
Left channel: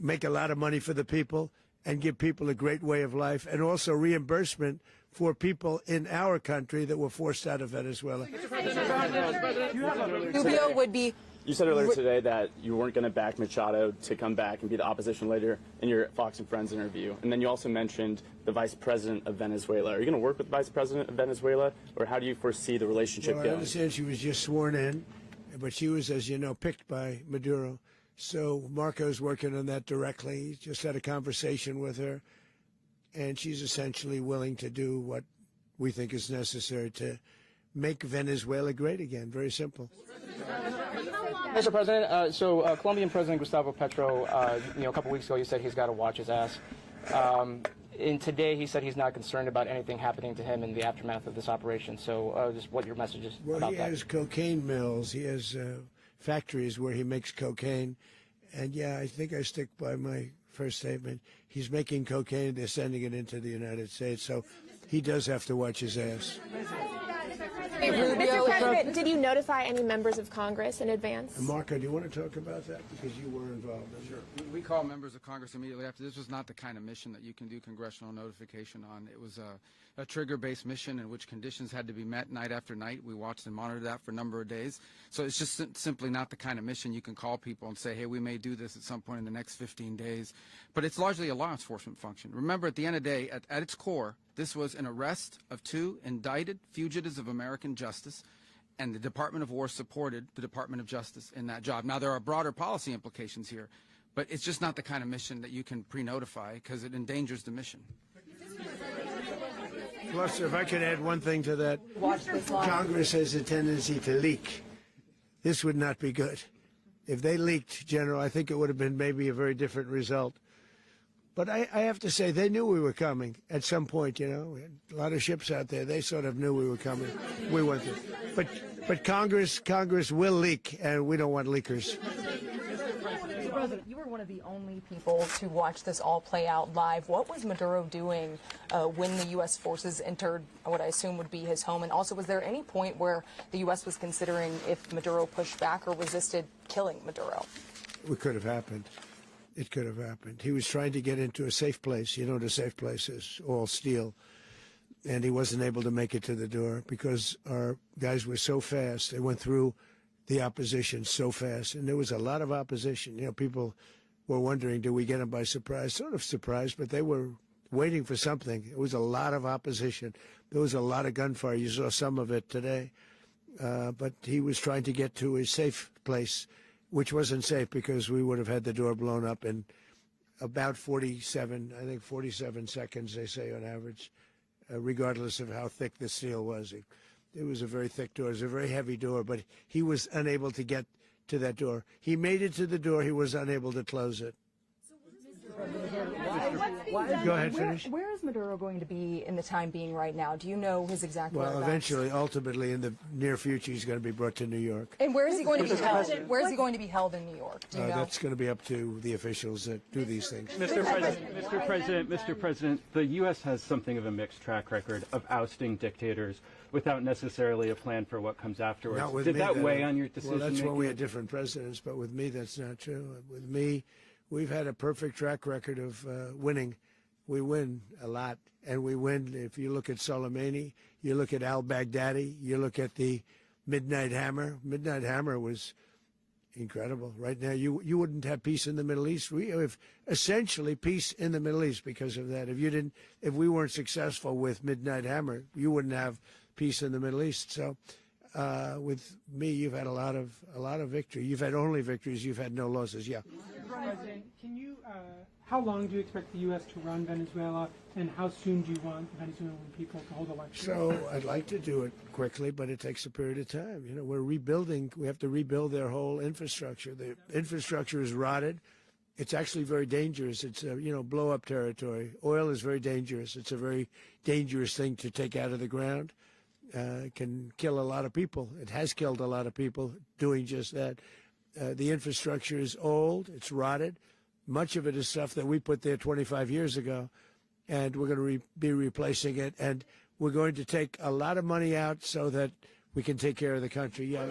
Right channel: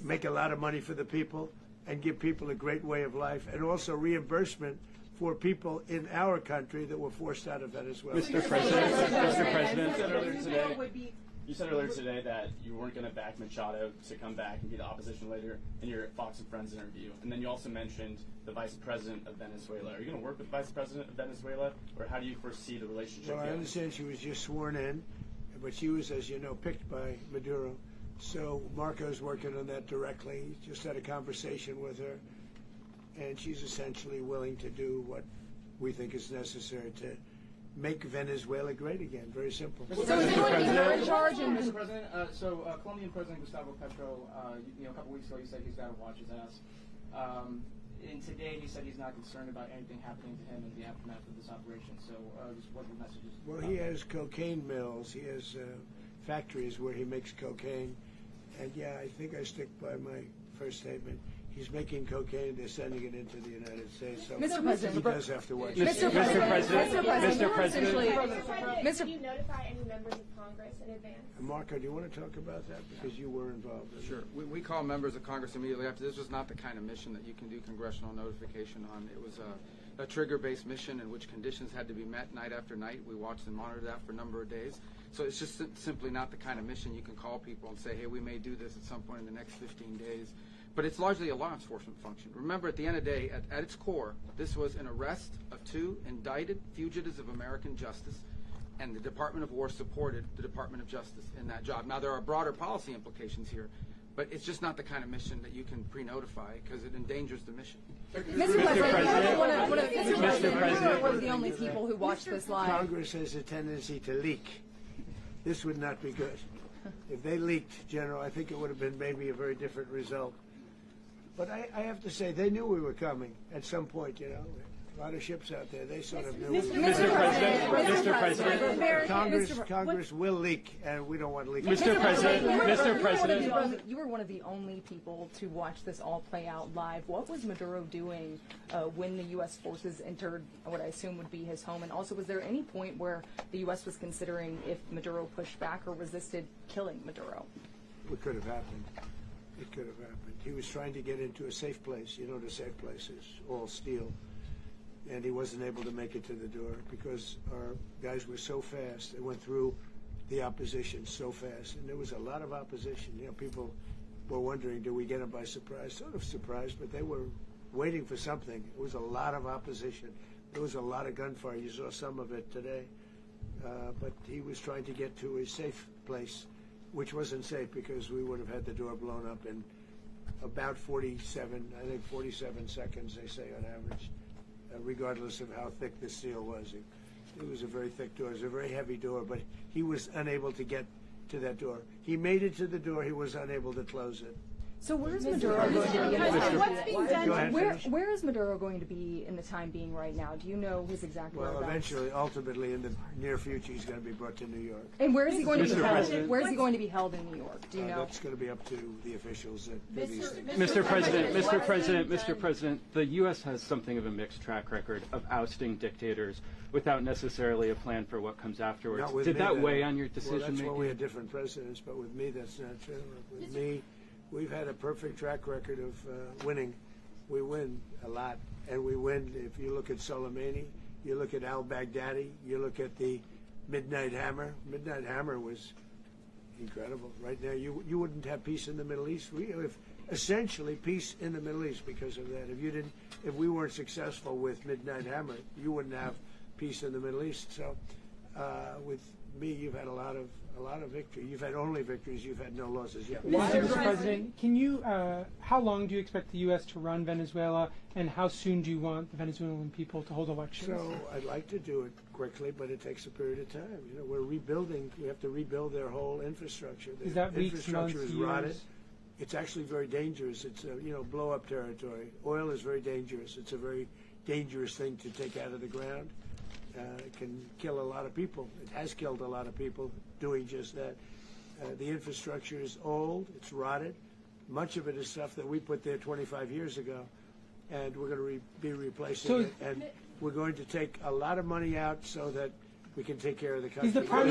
make a lot of money for the people, and give people a great way of life, and also reimbursement for people in our country that were forced out of Venezuela. Mr. President, Rubio would be. you said earlier today that you weren't going to back Machado to come back and be the opposition leader in your Fox and Friends interview. And then you also mentioned the vice president of Venezuela. Are you going to work with the vice president of Venezuela, or how do you foresee the relationship Well, I going? understand she was just sworn in, but she was, as you know, picked by Maduro. So Marco's working on that directly. He just had a conversation with her, and she's essentially willing to do what we think is necessary to make Venezuela great again. Very simple. Mr. President, Colombian President Gustavo Petro, a couple weeks ago, he said he's got to watch his ass. And today, he said he's not concerned about anything happening to him in the aftermath of this operation. So, just what your message is Well, about he that. has cocaine mills. He has factories where he makes cocaine. And yeah, I think I stick by my first statement. He's making cocaine. They're sending it into the United States. So he does have to watch his ass. Mr. President, Did you notify any members of Congress in advance? Marco, do you want to talk about that? Because you were involved in it. Sure. We call members of Congress immediately after. This was not the kind of mission that you can do congressional notification on. It was a trigger-based mission in which conditions had to be met night after night. We watched and monitored that for a number of days. So it's just simply not the kind of mission you can call people and say, hey, we may do this at some point in the next 15 days. But it's largely a law enforcement function. Remember, at the end of the day, at its core, this was an arrest of 2 indicted fugitives of American justice, and the Department of War supported the Department of Justice in that job. Now, there are broader policy implications here, but it's just not the kind of mission that you can pre-notify because it endangers the mission. If I could add one thing to that, Congress has a tendency to leak. This would not be good. If they leaked, General, I think it would have been maybe a very different result. But I have to say, they knew we were coming at some point, We had a lot of ships out there. They sort of knew we were coming. But Congress will leak, and we don't want to leak. Mr. President, You were one of the only people to watch this all play out live. What was Maduro doing when the U.S. forces entered what I assume would be his home? And also, was there any point where the U.S. was considering if Maduro pushed back or resisted killing Maduro? It could have happened. It could have happened. He was trying to get into a safe place. You know what a safe place is, all steel. And he wasn't able to make it to the door because our guys were so fast. They went through the opposition so fast. And there was a lot of opposition. People were wondering, do we get them by surprise? Sort of surprised, but they were waiting for something. It was a lot of opposition. There was a lot of gunfire. You saw some of it today. But he was trying to get to a safe place, which wasn't safe because we would have had the door blown up in about 47 seconds, they say on average, regardless of how thick the steel was. It was a very thick door. It was a very heavy door, but he was unable to get to that door. He made it to the door. He was unable to close it. So where is Maduro going to be? Go ahead, finish. Where is Maduro going to be in the time being right now? Do you know his exact Well, whereabouts? eventually, ultimately, in the near future, he's going to be brought to New York. And where is he going to be held? Where is he going to be held in New York? Do you know? That's going to be up to the officials that do these things. Mr. President, the U.S. has something of a mixed track record of ousting dictators without necessarily a plan for what comes afterwards. Not with Did me, that weigh on your decision Well, that's when we making? had different presidents, but with me, that's not true. With me, we've had a perfect track record of winning. We win a lot, and we win. If you look at Soleimani, you look at al-Baghdadi, you look at the Midnight Hammer. Midnight Hammer was incredible. Right now, you wouldn't have peace in the Middle East. We have essentially peace in the Middle East because of that. If we weren't successful with Midnight Hammer, you wouldn't have peace in the Middle East. So, with me, you've had a lot of victory. You've had only victories. You've had no losses. Yeah. Mr. President, can you? How long do you expect the U.S. to run Venezuela, and how soon do you want the Venezuelan people to hold elections? So I'd like to do it quickly, but it takes a period of time. You know, we're rebuilding. We have to rebuild their whole infrastructure. The infrastructure is rotted. It's actually very dangerous. It's blow-up territory. Oil is very dangerous. It's a very dangerous thing to take out of the ground. It can kill a lot of people. It has killed a lot of people doing just that. The infrastructure is old. It's rotted. Much of it is stuff that we put there 25 years ago, and we're going to be replacing it. And we're going to take a lot of money out so that we can take care of the country. Are you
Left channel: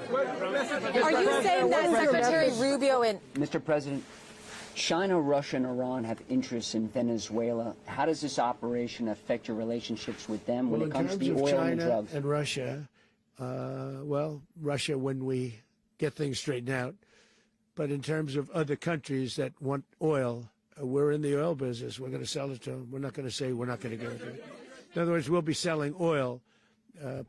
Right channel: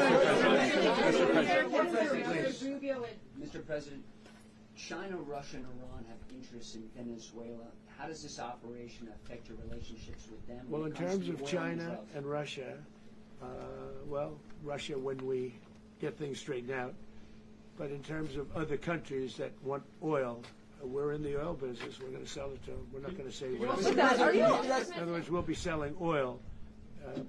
saying that Secretary Rubio and Mr. President, China, Russia, and Iran have interests in Venezuela. How does this operation affect your relationships with them when it comes to the oil in terms of and China drugs? and Russia, Russia when we get things straightened out. But in terms of other countries that want oil, we're in the oil business. We're going to sell it to them. We're not going to say we're not going to. In other words, we'll be selling oil,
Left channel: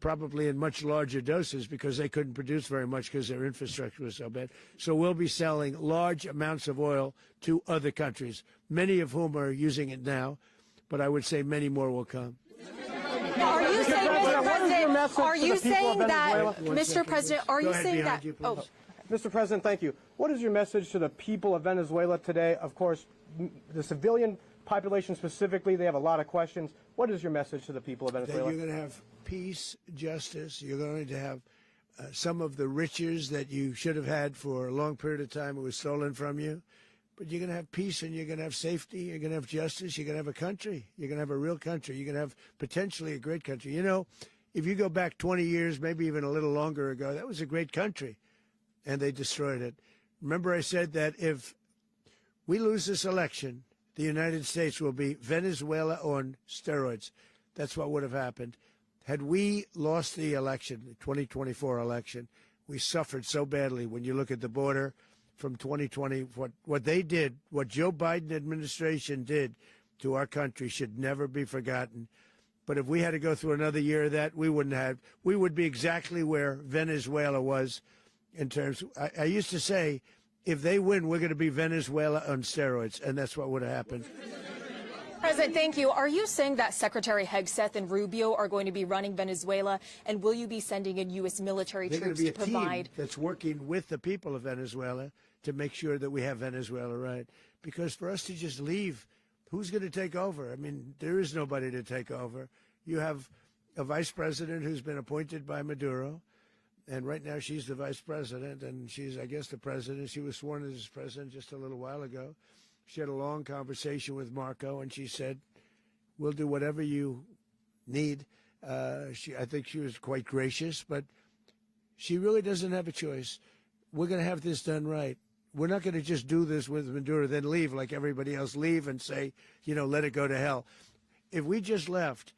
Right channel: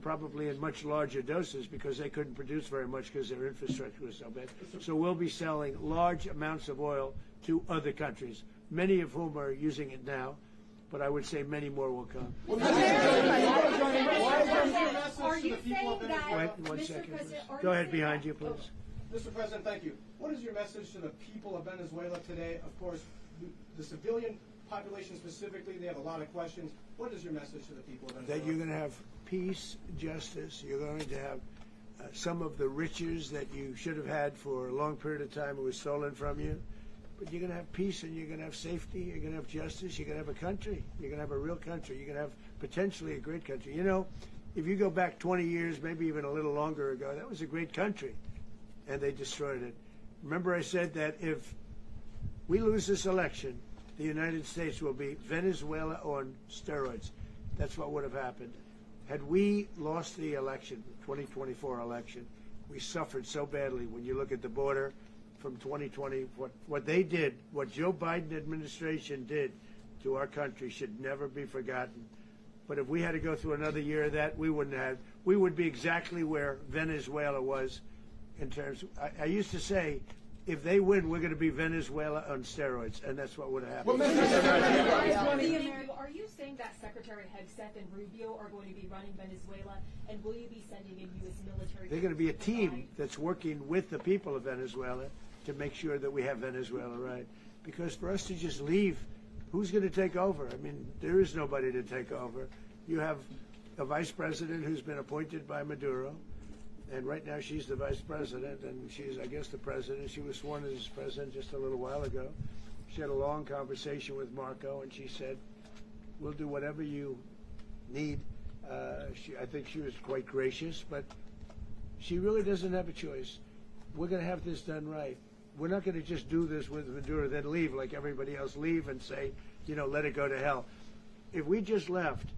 probably in much larger doses because they couldn't produce very much because their infrastructure was so bad. So we'll be selling large amounts of oil to other countries, many of whom are using it now, but I would say many more will come. Are you saying that, Mr. President, are you saying that? Oh. Mr. President, thank you. What is your message to the people of Venezuela today? Of course, the civilian population specifically, they have a lot of questions. What is your message to the people of Venezuela? That you're going to have peace, justice. You're going to have some of the riches that you should have had for a long period of time. It was stolen from you. But you're going to have peace, and you're going to have safety. You're going to have justice. You're going to have a country. You're going to have a real country. You're going to have potentially a great country. You know, if you go back 20 years, maybe even a little longer ago, that was a great country, and they destroyed it. Remember I said that if we lose this election, the United States will be Venezuela on steroids. That's what would have happened. Had we lost the election, the 2024 election, we suffered so badly. When you look at the border from 2020, what they did, what Joe Biden administration did to our country should never be forgotten. But if we had to go through another year of that, we wouldn't have. We would be exactly where Venezuela was in terms. I used to say, if they win, we're going to be Venezuela on steroids, and that's what would have happened. President, thank you. Are you saying that Secretary Hegseth and Rubio are going to be running Venezuela, and will you be sending in U.S. military They're troops going to to be a provide? team that's working with the people of Venezuela to make sure that we have Venezuela right. Because for us to just leave, who's going to take over? I mean, there is nobody to take over. You have a vice president who's been appointed by Maduro. And right now she's the vice president, and she's, I guess, the president. She was sworn as president just a little while ago. She had a long conversation with Marco, and she said, we'll do whatever you need. I think she was quite gracious, but she really doesn't have a choice. We're going to have this done right. We're not going to just do this with Maduro, then leave like everybody else, leave and say, let it go to hell. If we just left,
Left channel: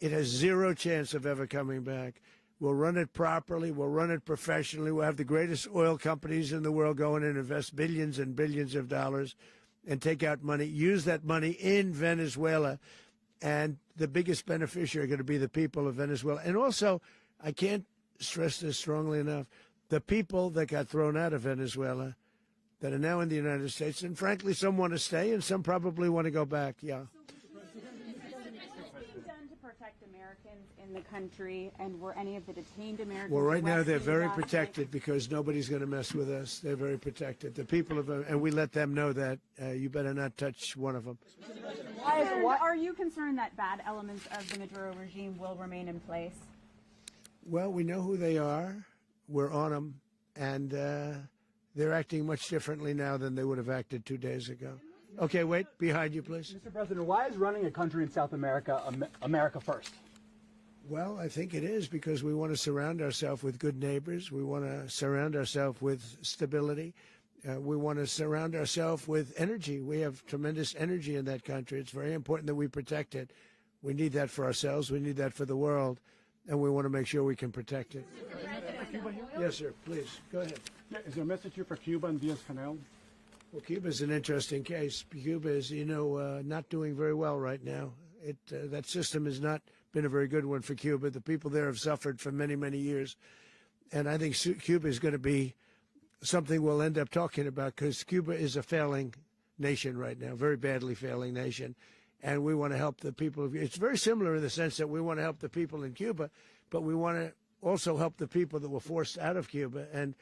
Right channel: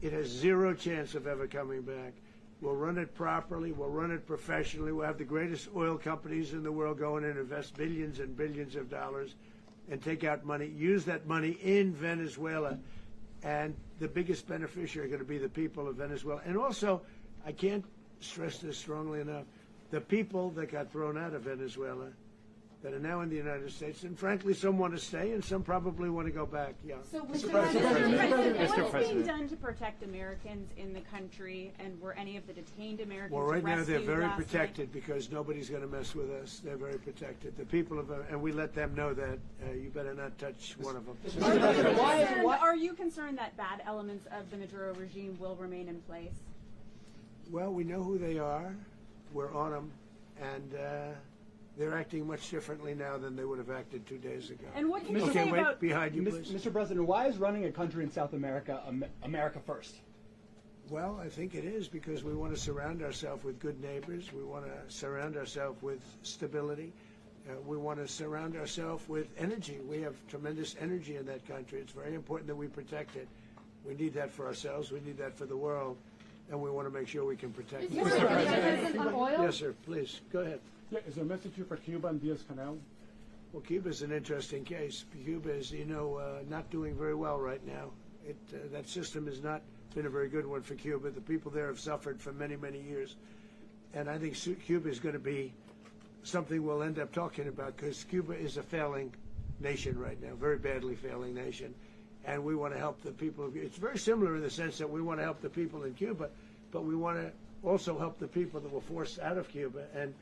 it has zero chance of ever coming back. We'll run it properly. We'll run it professionally. We'll have the greatest oil companies in the world go in and invest billions and billions of dollars and take out money, use that money in Venezuela. And the biggest beneficiary are going to be the people of Venezuela. And also, I can't stress this strongly enough, the people that got thrown out of Venezuela that are now in the United States, and frankly, some want to stay, and some probably want to go back. Yeah. So, Mr. President, what is being done to protect Americans in the country, and were any of the detained Americans Well, right now they're rescued very last protected night? because nobody's going to mess with us. They're very protected. The people of, and we let them know that you better not touch one of them. Are you concerned that bad elements of the Maduro regime will remain in place? Well, we know who they are. We're on them, and they're acting much differently now than they would have acted 2 days ago. And what can you okay, say wait, about behind you, please. Mr. President, why is running a country in South America America first? Well, I think it is because we want to surround ourselves with good neighbors. We want to surround ourselves with stability. We want to surround ourselves with energy. We have tremendous energy in that country. It's very important that we protect it. We need that for ourselves. We need that for the world. And we want to make sure we can protect it. Yes, sir. Please, go ahead. Yeah, is there a message here for Cuba and Diaz-Canel? Well, Cuba's an interesting case. Cuba is, not doing very well right now. That system has not been a very good one for Cuba. The people there have suffered for many, many years. And I think Cuba is going to be something we'll end up talking about, because Cuba is a failing nation right now, very badly failing nation. And we want to help the people. It's very similar in the sense that we want to help the people in Cuba, but we want to also help the people that were forced out of Cuba and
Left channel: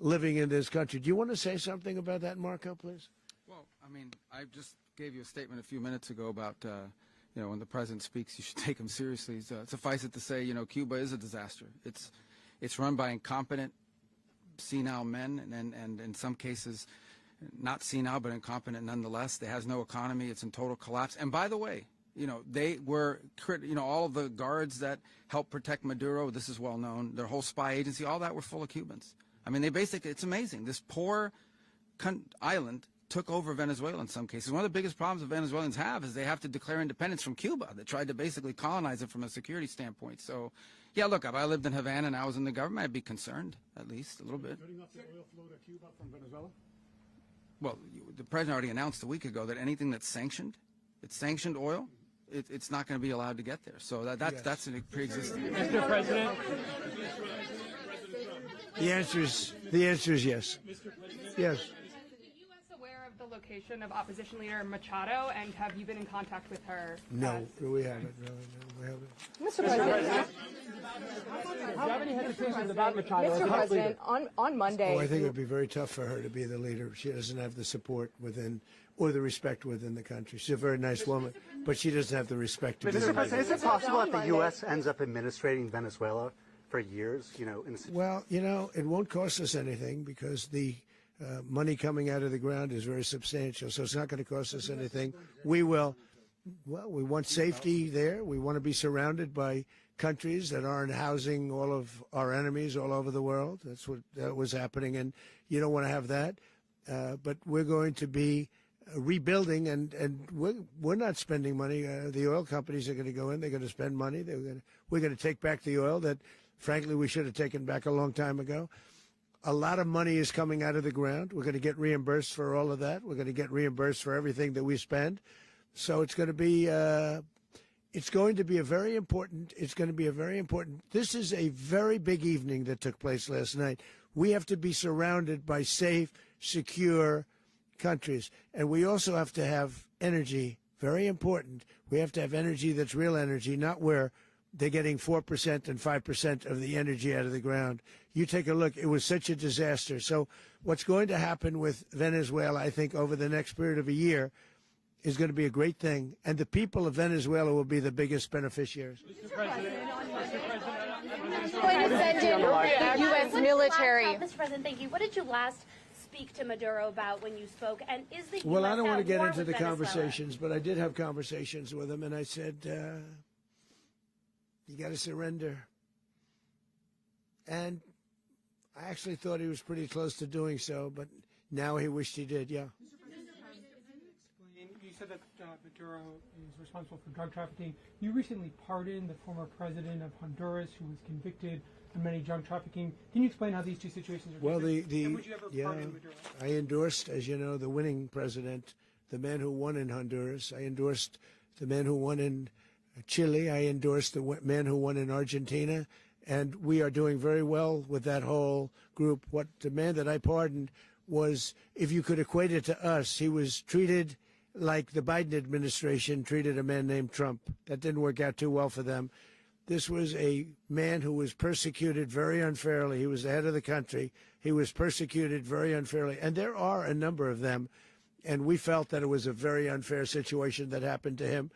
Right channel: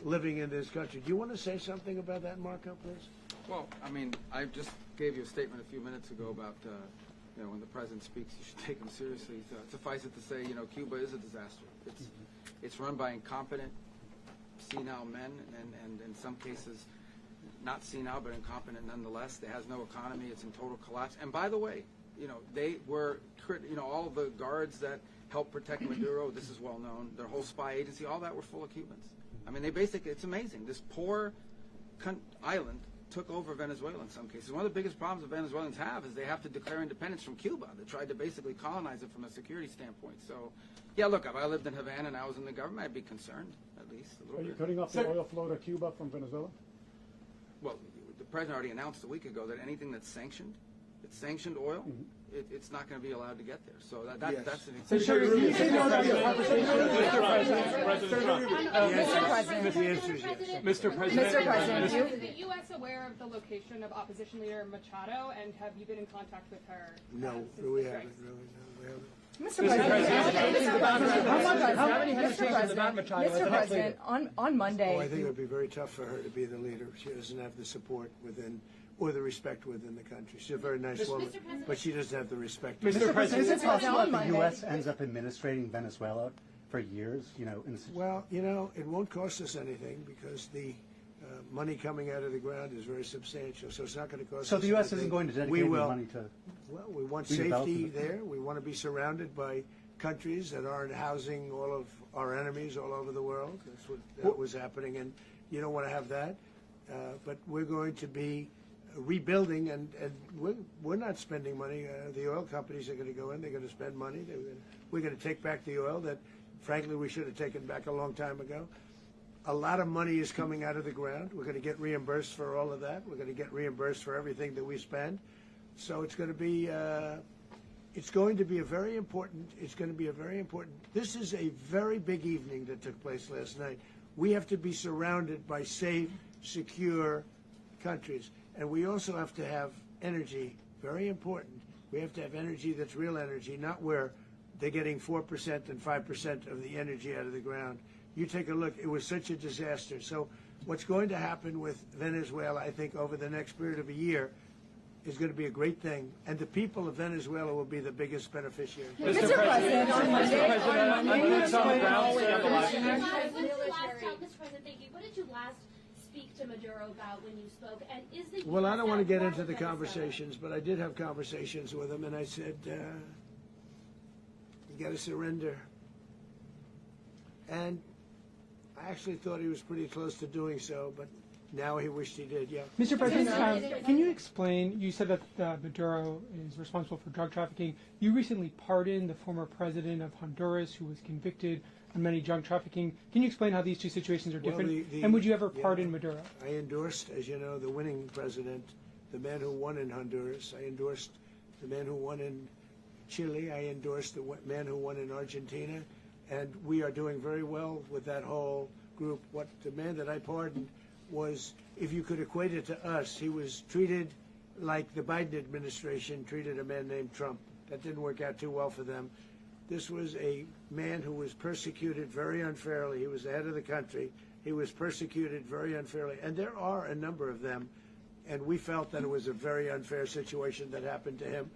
living in this country. Do you want to say something about that, Marco, please? Well, I mean, I just gave you a statement a few minutes ago about, when the president speaks, you should take him seriously. So suffice it to say, Cuba is a disaster. It's run by incompetent, senile men, and in some cases, not senile, but incompetent nonetheless. It has no economy. It's in total collapse. And by the way, they were, all the guards that helped protect Maduro, this is well known, their whole spy agency, all that were full of Cubans. I mean, it's amazing. This poor island took over Venezuela in some cases. One of the biggest problems the Venezuelans have is they have to declare independence from Cuba. They tried to basically colonize it from a security standpoint. So, yeah, look, if I lived in Havana and I was in the government, I'd be concerned, at least a little bit. Are you cutting off the oil flow to Cuba from Venezuela? Well, the president already announced a week ago that anything that's sanctioned, it's sanctioned oil, it's not going to be allowed to get there. So that's an The answer is yes. Mr. President. Is the U.S. aware of the location of opposition leader Machado, and have you been in contact with her? No, we haven't. Really, no, we haven't. Mr. President, on Monday. I think it would be very tough for her to be the leader. She doesn't have the support within, or the respect within the country. She's a very nice woman, but she doesn't have the respect. Mr. President, is it possible that the U.S. ends up administrating Venezuela for years? Well, it won't cost us anything, because the money coming out of the ground is very substantial, so it's not going to cost us anything. So the U.S. isn't going to dedicate any money to... Well, we want safety there. We want to be surrounded by countries that aren't housing all of our enemies all over the world. That's what was happening, and you don't want to have that. But we're going to be rebuilding, and we're not spending money. The oil companies are going to go in. They're going to spend money. We're going to take back the oil that, frankly, we should have taken back a long time ago. A lot of money is coming out of the ground. We're going to get reimbursed for all of that. We're going to get reimbursed for everything that we spend. So it's going to be a very important. This is a very big evening that took place last night. We have to be surrounded by safe, secure countries, and we also have to have energy. Very important. We have to have energy that's real energy, not where they're getting 4% and 5% of the energy out of the ground. You take a look. It was such a disaster. So what's going to happen with Venezuela, I think, over the next period of a year, is going to be a great thing, and the people of Venezuela will be the biggest beneficiaries. Mr. President, on Monday, U.S. military. Mr. President, thank you. What did you last speak to Maduro about when you spoke? And is the Well, US I don't want to get into the Venezuela? conversations, but I did have conversations with him, and I said, you got to surrender. And I actually thought he was pretty close to doing so, but now he wished he did, yeah. Mr. President, can you explain, you said that Maduro is responsible for drug trafficking. You recently pardoned the former president of Honduras who was convicted on many drug trafficking. Can you explain how these two situations are different? And would you ever pardon Maduro? I endorsed, as you know, the winning president, the man who won in Honduras. I endorsed the man who won in Chile. I endorsed the man who won in Argentina. And we are doing very well with that whole group. What the man that I pardoned was, if you could equate it to us, he was treated like the Biden administration treated a man named Trump. That didn't work out too well for them. This was a man who was persecuted very unfairly. He was the head of the country. He was persecuted very unfairly. And there are a number of them. And we felt that it was a very unfair situation that happened to him.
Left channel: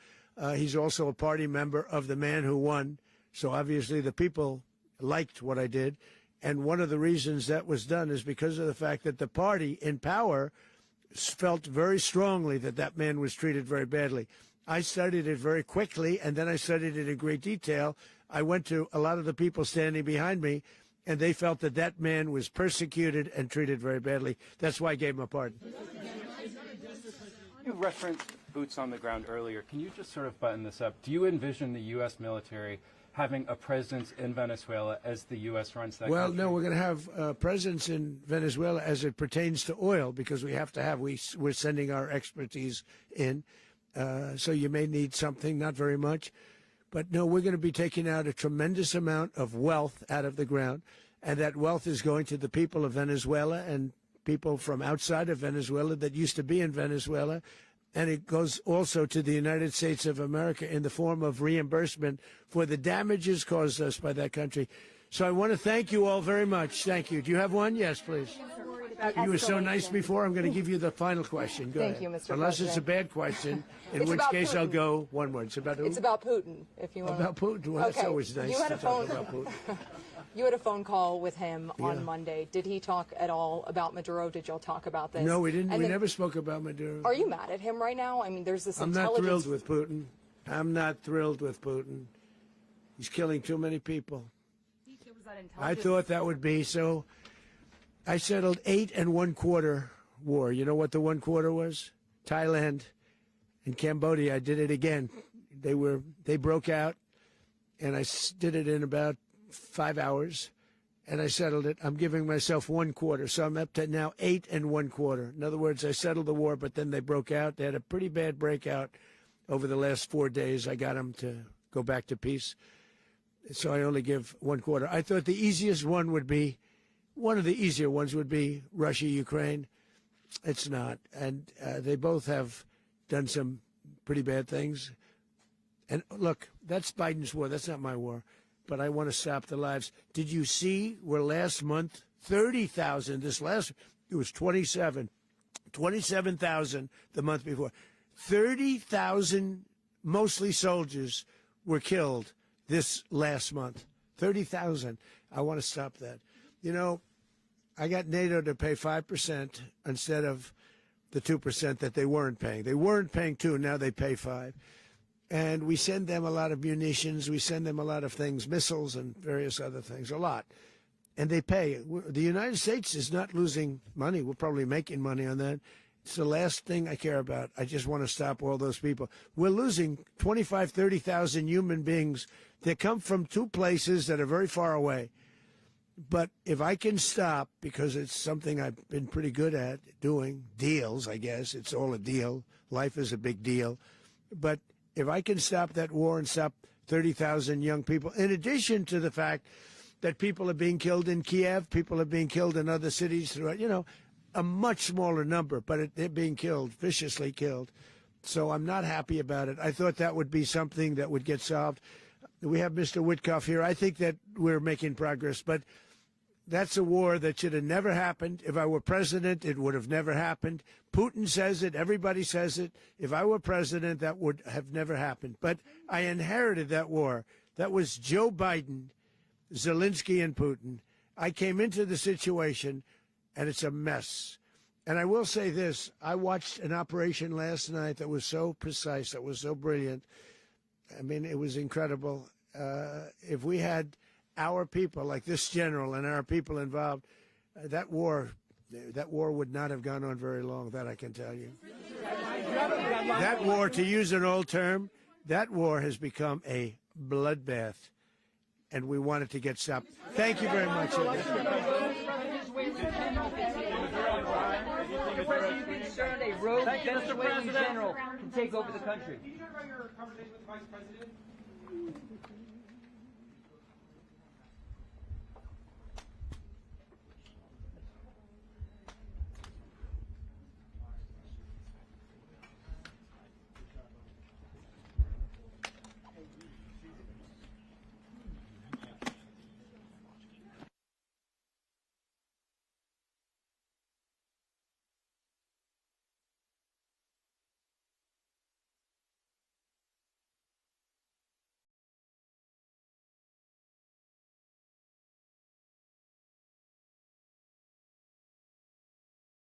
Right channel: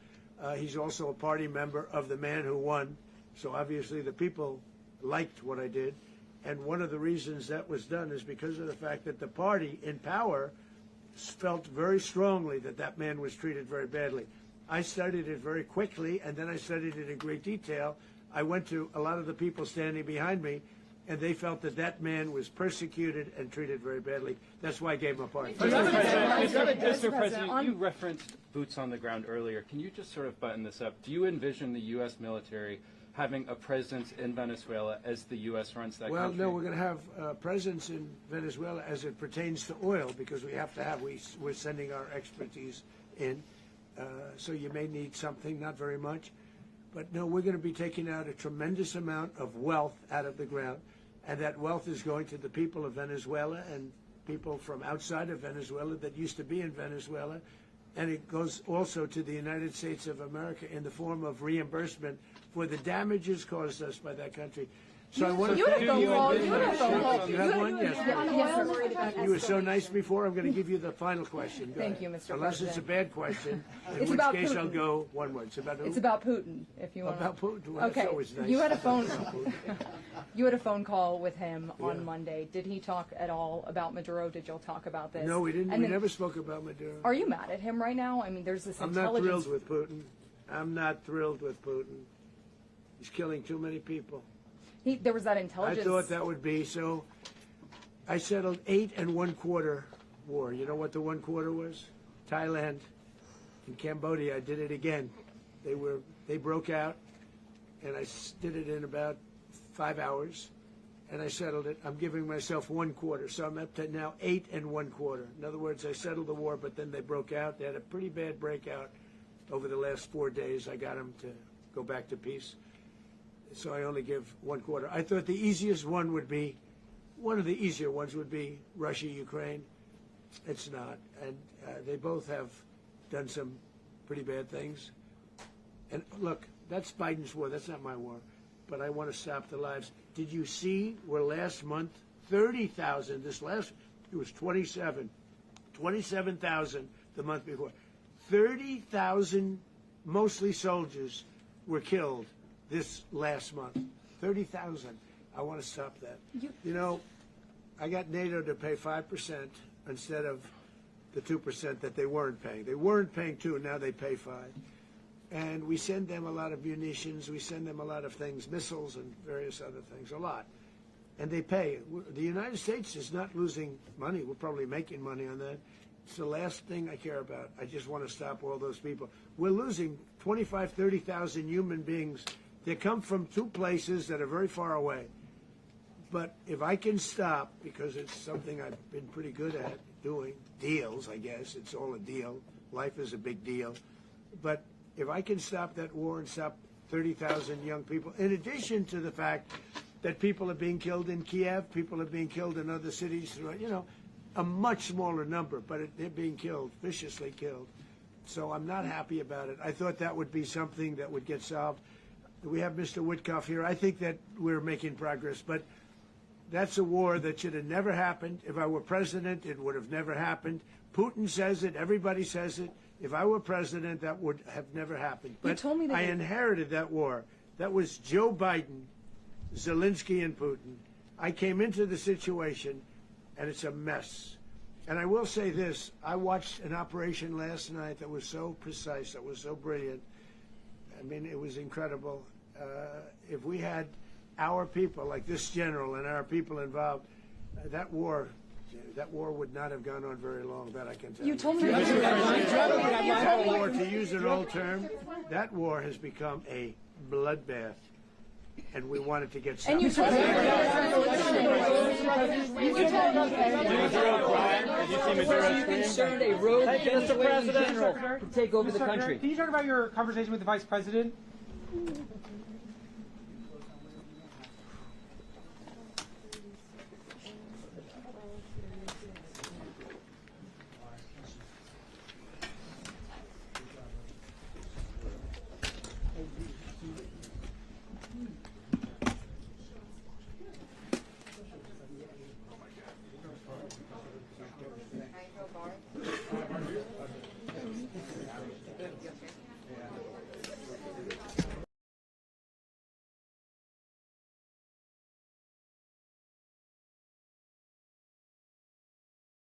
He's also a party member of the man who won. So obviously the people liked what I did. And one of the reasons that was done is because of the fact that the party in power felt very strongly that that man was treated very badly. I studied it very quickly, and then I studied it in great detail. I went to a lot of the people standing behind me, and they felt that that man was persecuted and treated very badly. That's why I gave him a pardon. Mr. President, you referenced boots on the ground earlier. Can you just sort of button this up? Do you envision the U.S. military having a presence in Venezuela as the U.S. runs that country? No, we're going to have presence in Venezuela as it pertains to oil, because we have to have, we're sending our expertise in. So you may need something, not very much. But no, we're going to be taking out a tremendous amount of wealth out of the ground. and that wealth is going to the people of Venezuela and people from outside of Venezuela that used to be in Venezuela. And it goes also to the United States of America in the form of reimbursement for the damages caused us by that country. So I want to thank you all very much. Thank you. Do you have one? Yes, please. You were so nice before. I'm going to give you the final question. Go Thank ahead. you, Mr. Unless it's a bad question, in which case I'll go one more. It's about who? It's about Putin, if you want. About Putin. Well, that's always nice. You had a to talk phone. about Putin. You had a phone call with him on Monday. Did he talk at all about Maduro? Did y'all talk about this? No, we didn't. And We then- never spoke about Maduro. Are you mad at him right now? I mean, there's this I'm not intelligence. thrilled with Putin. I'm not thrilled with Putin. He's killing too many people. There was that I intelligence. thought that would be so. I settled 8 1/4 war. You know what the 1/4 was? Thailand and Cambodia. I did it again. They broke out, and I did it in about 5 hours, and I settled it. I'm giving myself 1/4, so I'm up to now 8 1/4. In other words, I settled the war, but then they broke out. They had a pretty bad breakout over the last 4 days. I got them to go back to peace. So I only give 1/4. I thought the easiest one would be, one of the easier ones would be Russia, Ukraine. It's not. And they both have done some pretty bad things. And look, that's Biden's war. That's not my war. But I want to stop the lives. Did you see where last month, 30,000, it was 27,000 the month before. 30,000, mostly soldiers, were killed this last month. 30,000. I want to stop that. You know, I got NATO to pay 5% instead of the 2% that they weren't paying. They weren't paying 2, now they pay 5. And we send them a lot of munitions, we send them a lot of things, missiles and various other things, a lot. And they pay. The United States is not losing money. We're probably making money on that. It's the last thing I care about. I just want to stop all those people. We're losing 25, 30,000 human beings. They come from 2 places that are very far away. But if I can stop, because it's something I've been pretty good at doing, deals, I guess. It's all a deal. Life is a big deal. But if I can stop that war and stop 30,000 young people, in addition to the fact that people are being killed in Kiev, people are being killed in other cities throughout, a much smaller number, but they're being killed, viciously killed. So I'm not happy about it. I thought that would be something that would get solved. We have Mr. Witkoff here. I think that we're making progress, but that's a war that should have never happened. If I were president, it would have never happened. Putin says it. Everybody says it. If I were president, that would have never happened. But I inherited that war. That was Joe Biden, Zelensky, and Putin. I came into the situation, and it's a mess. And I will say this. I watched an operation last night that was so precise, that was so brilliant. I mean, it was incredible. If we had our people, like this general, and our people involved, that war would not have gone on very long, that I can tell you. You told me that war, to use an old term, that war has become a bloodbath. And we wanted to get stopped. Thank you very much. Are you concerned a rogue Venezuelan general can take over the country? Can you talk about your conversation with the vice president?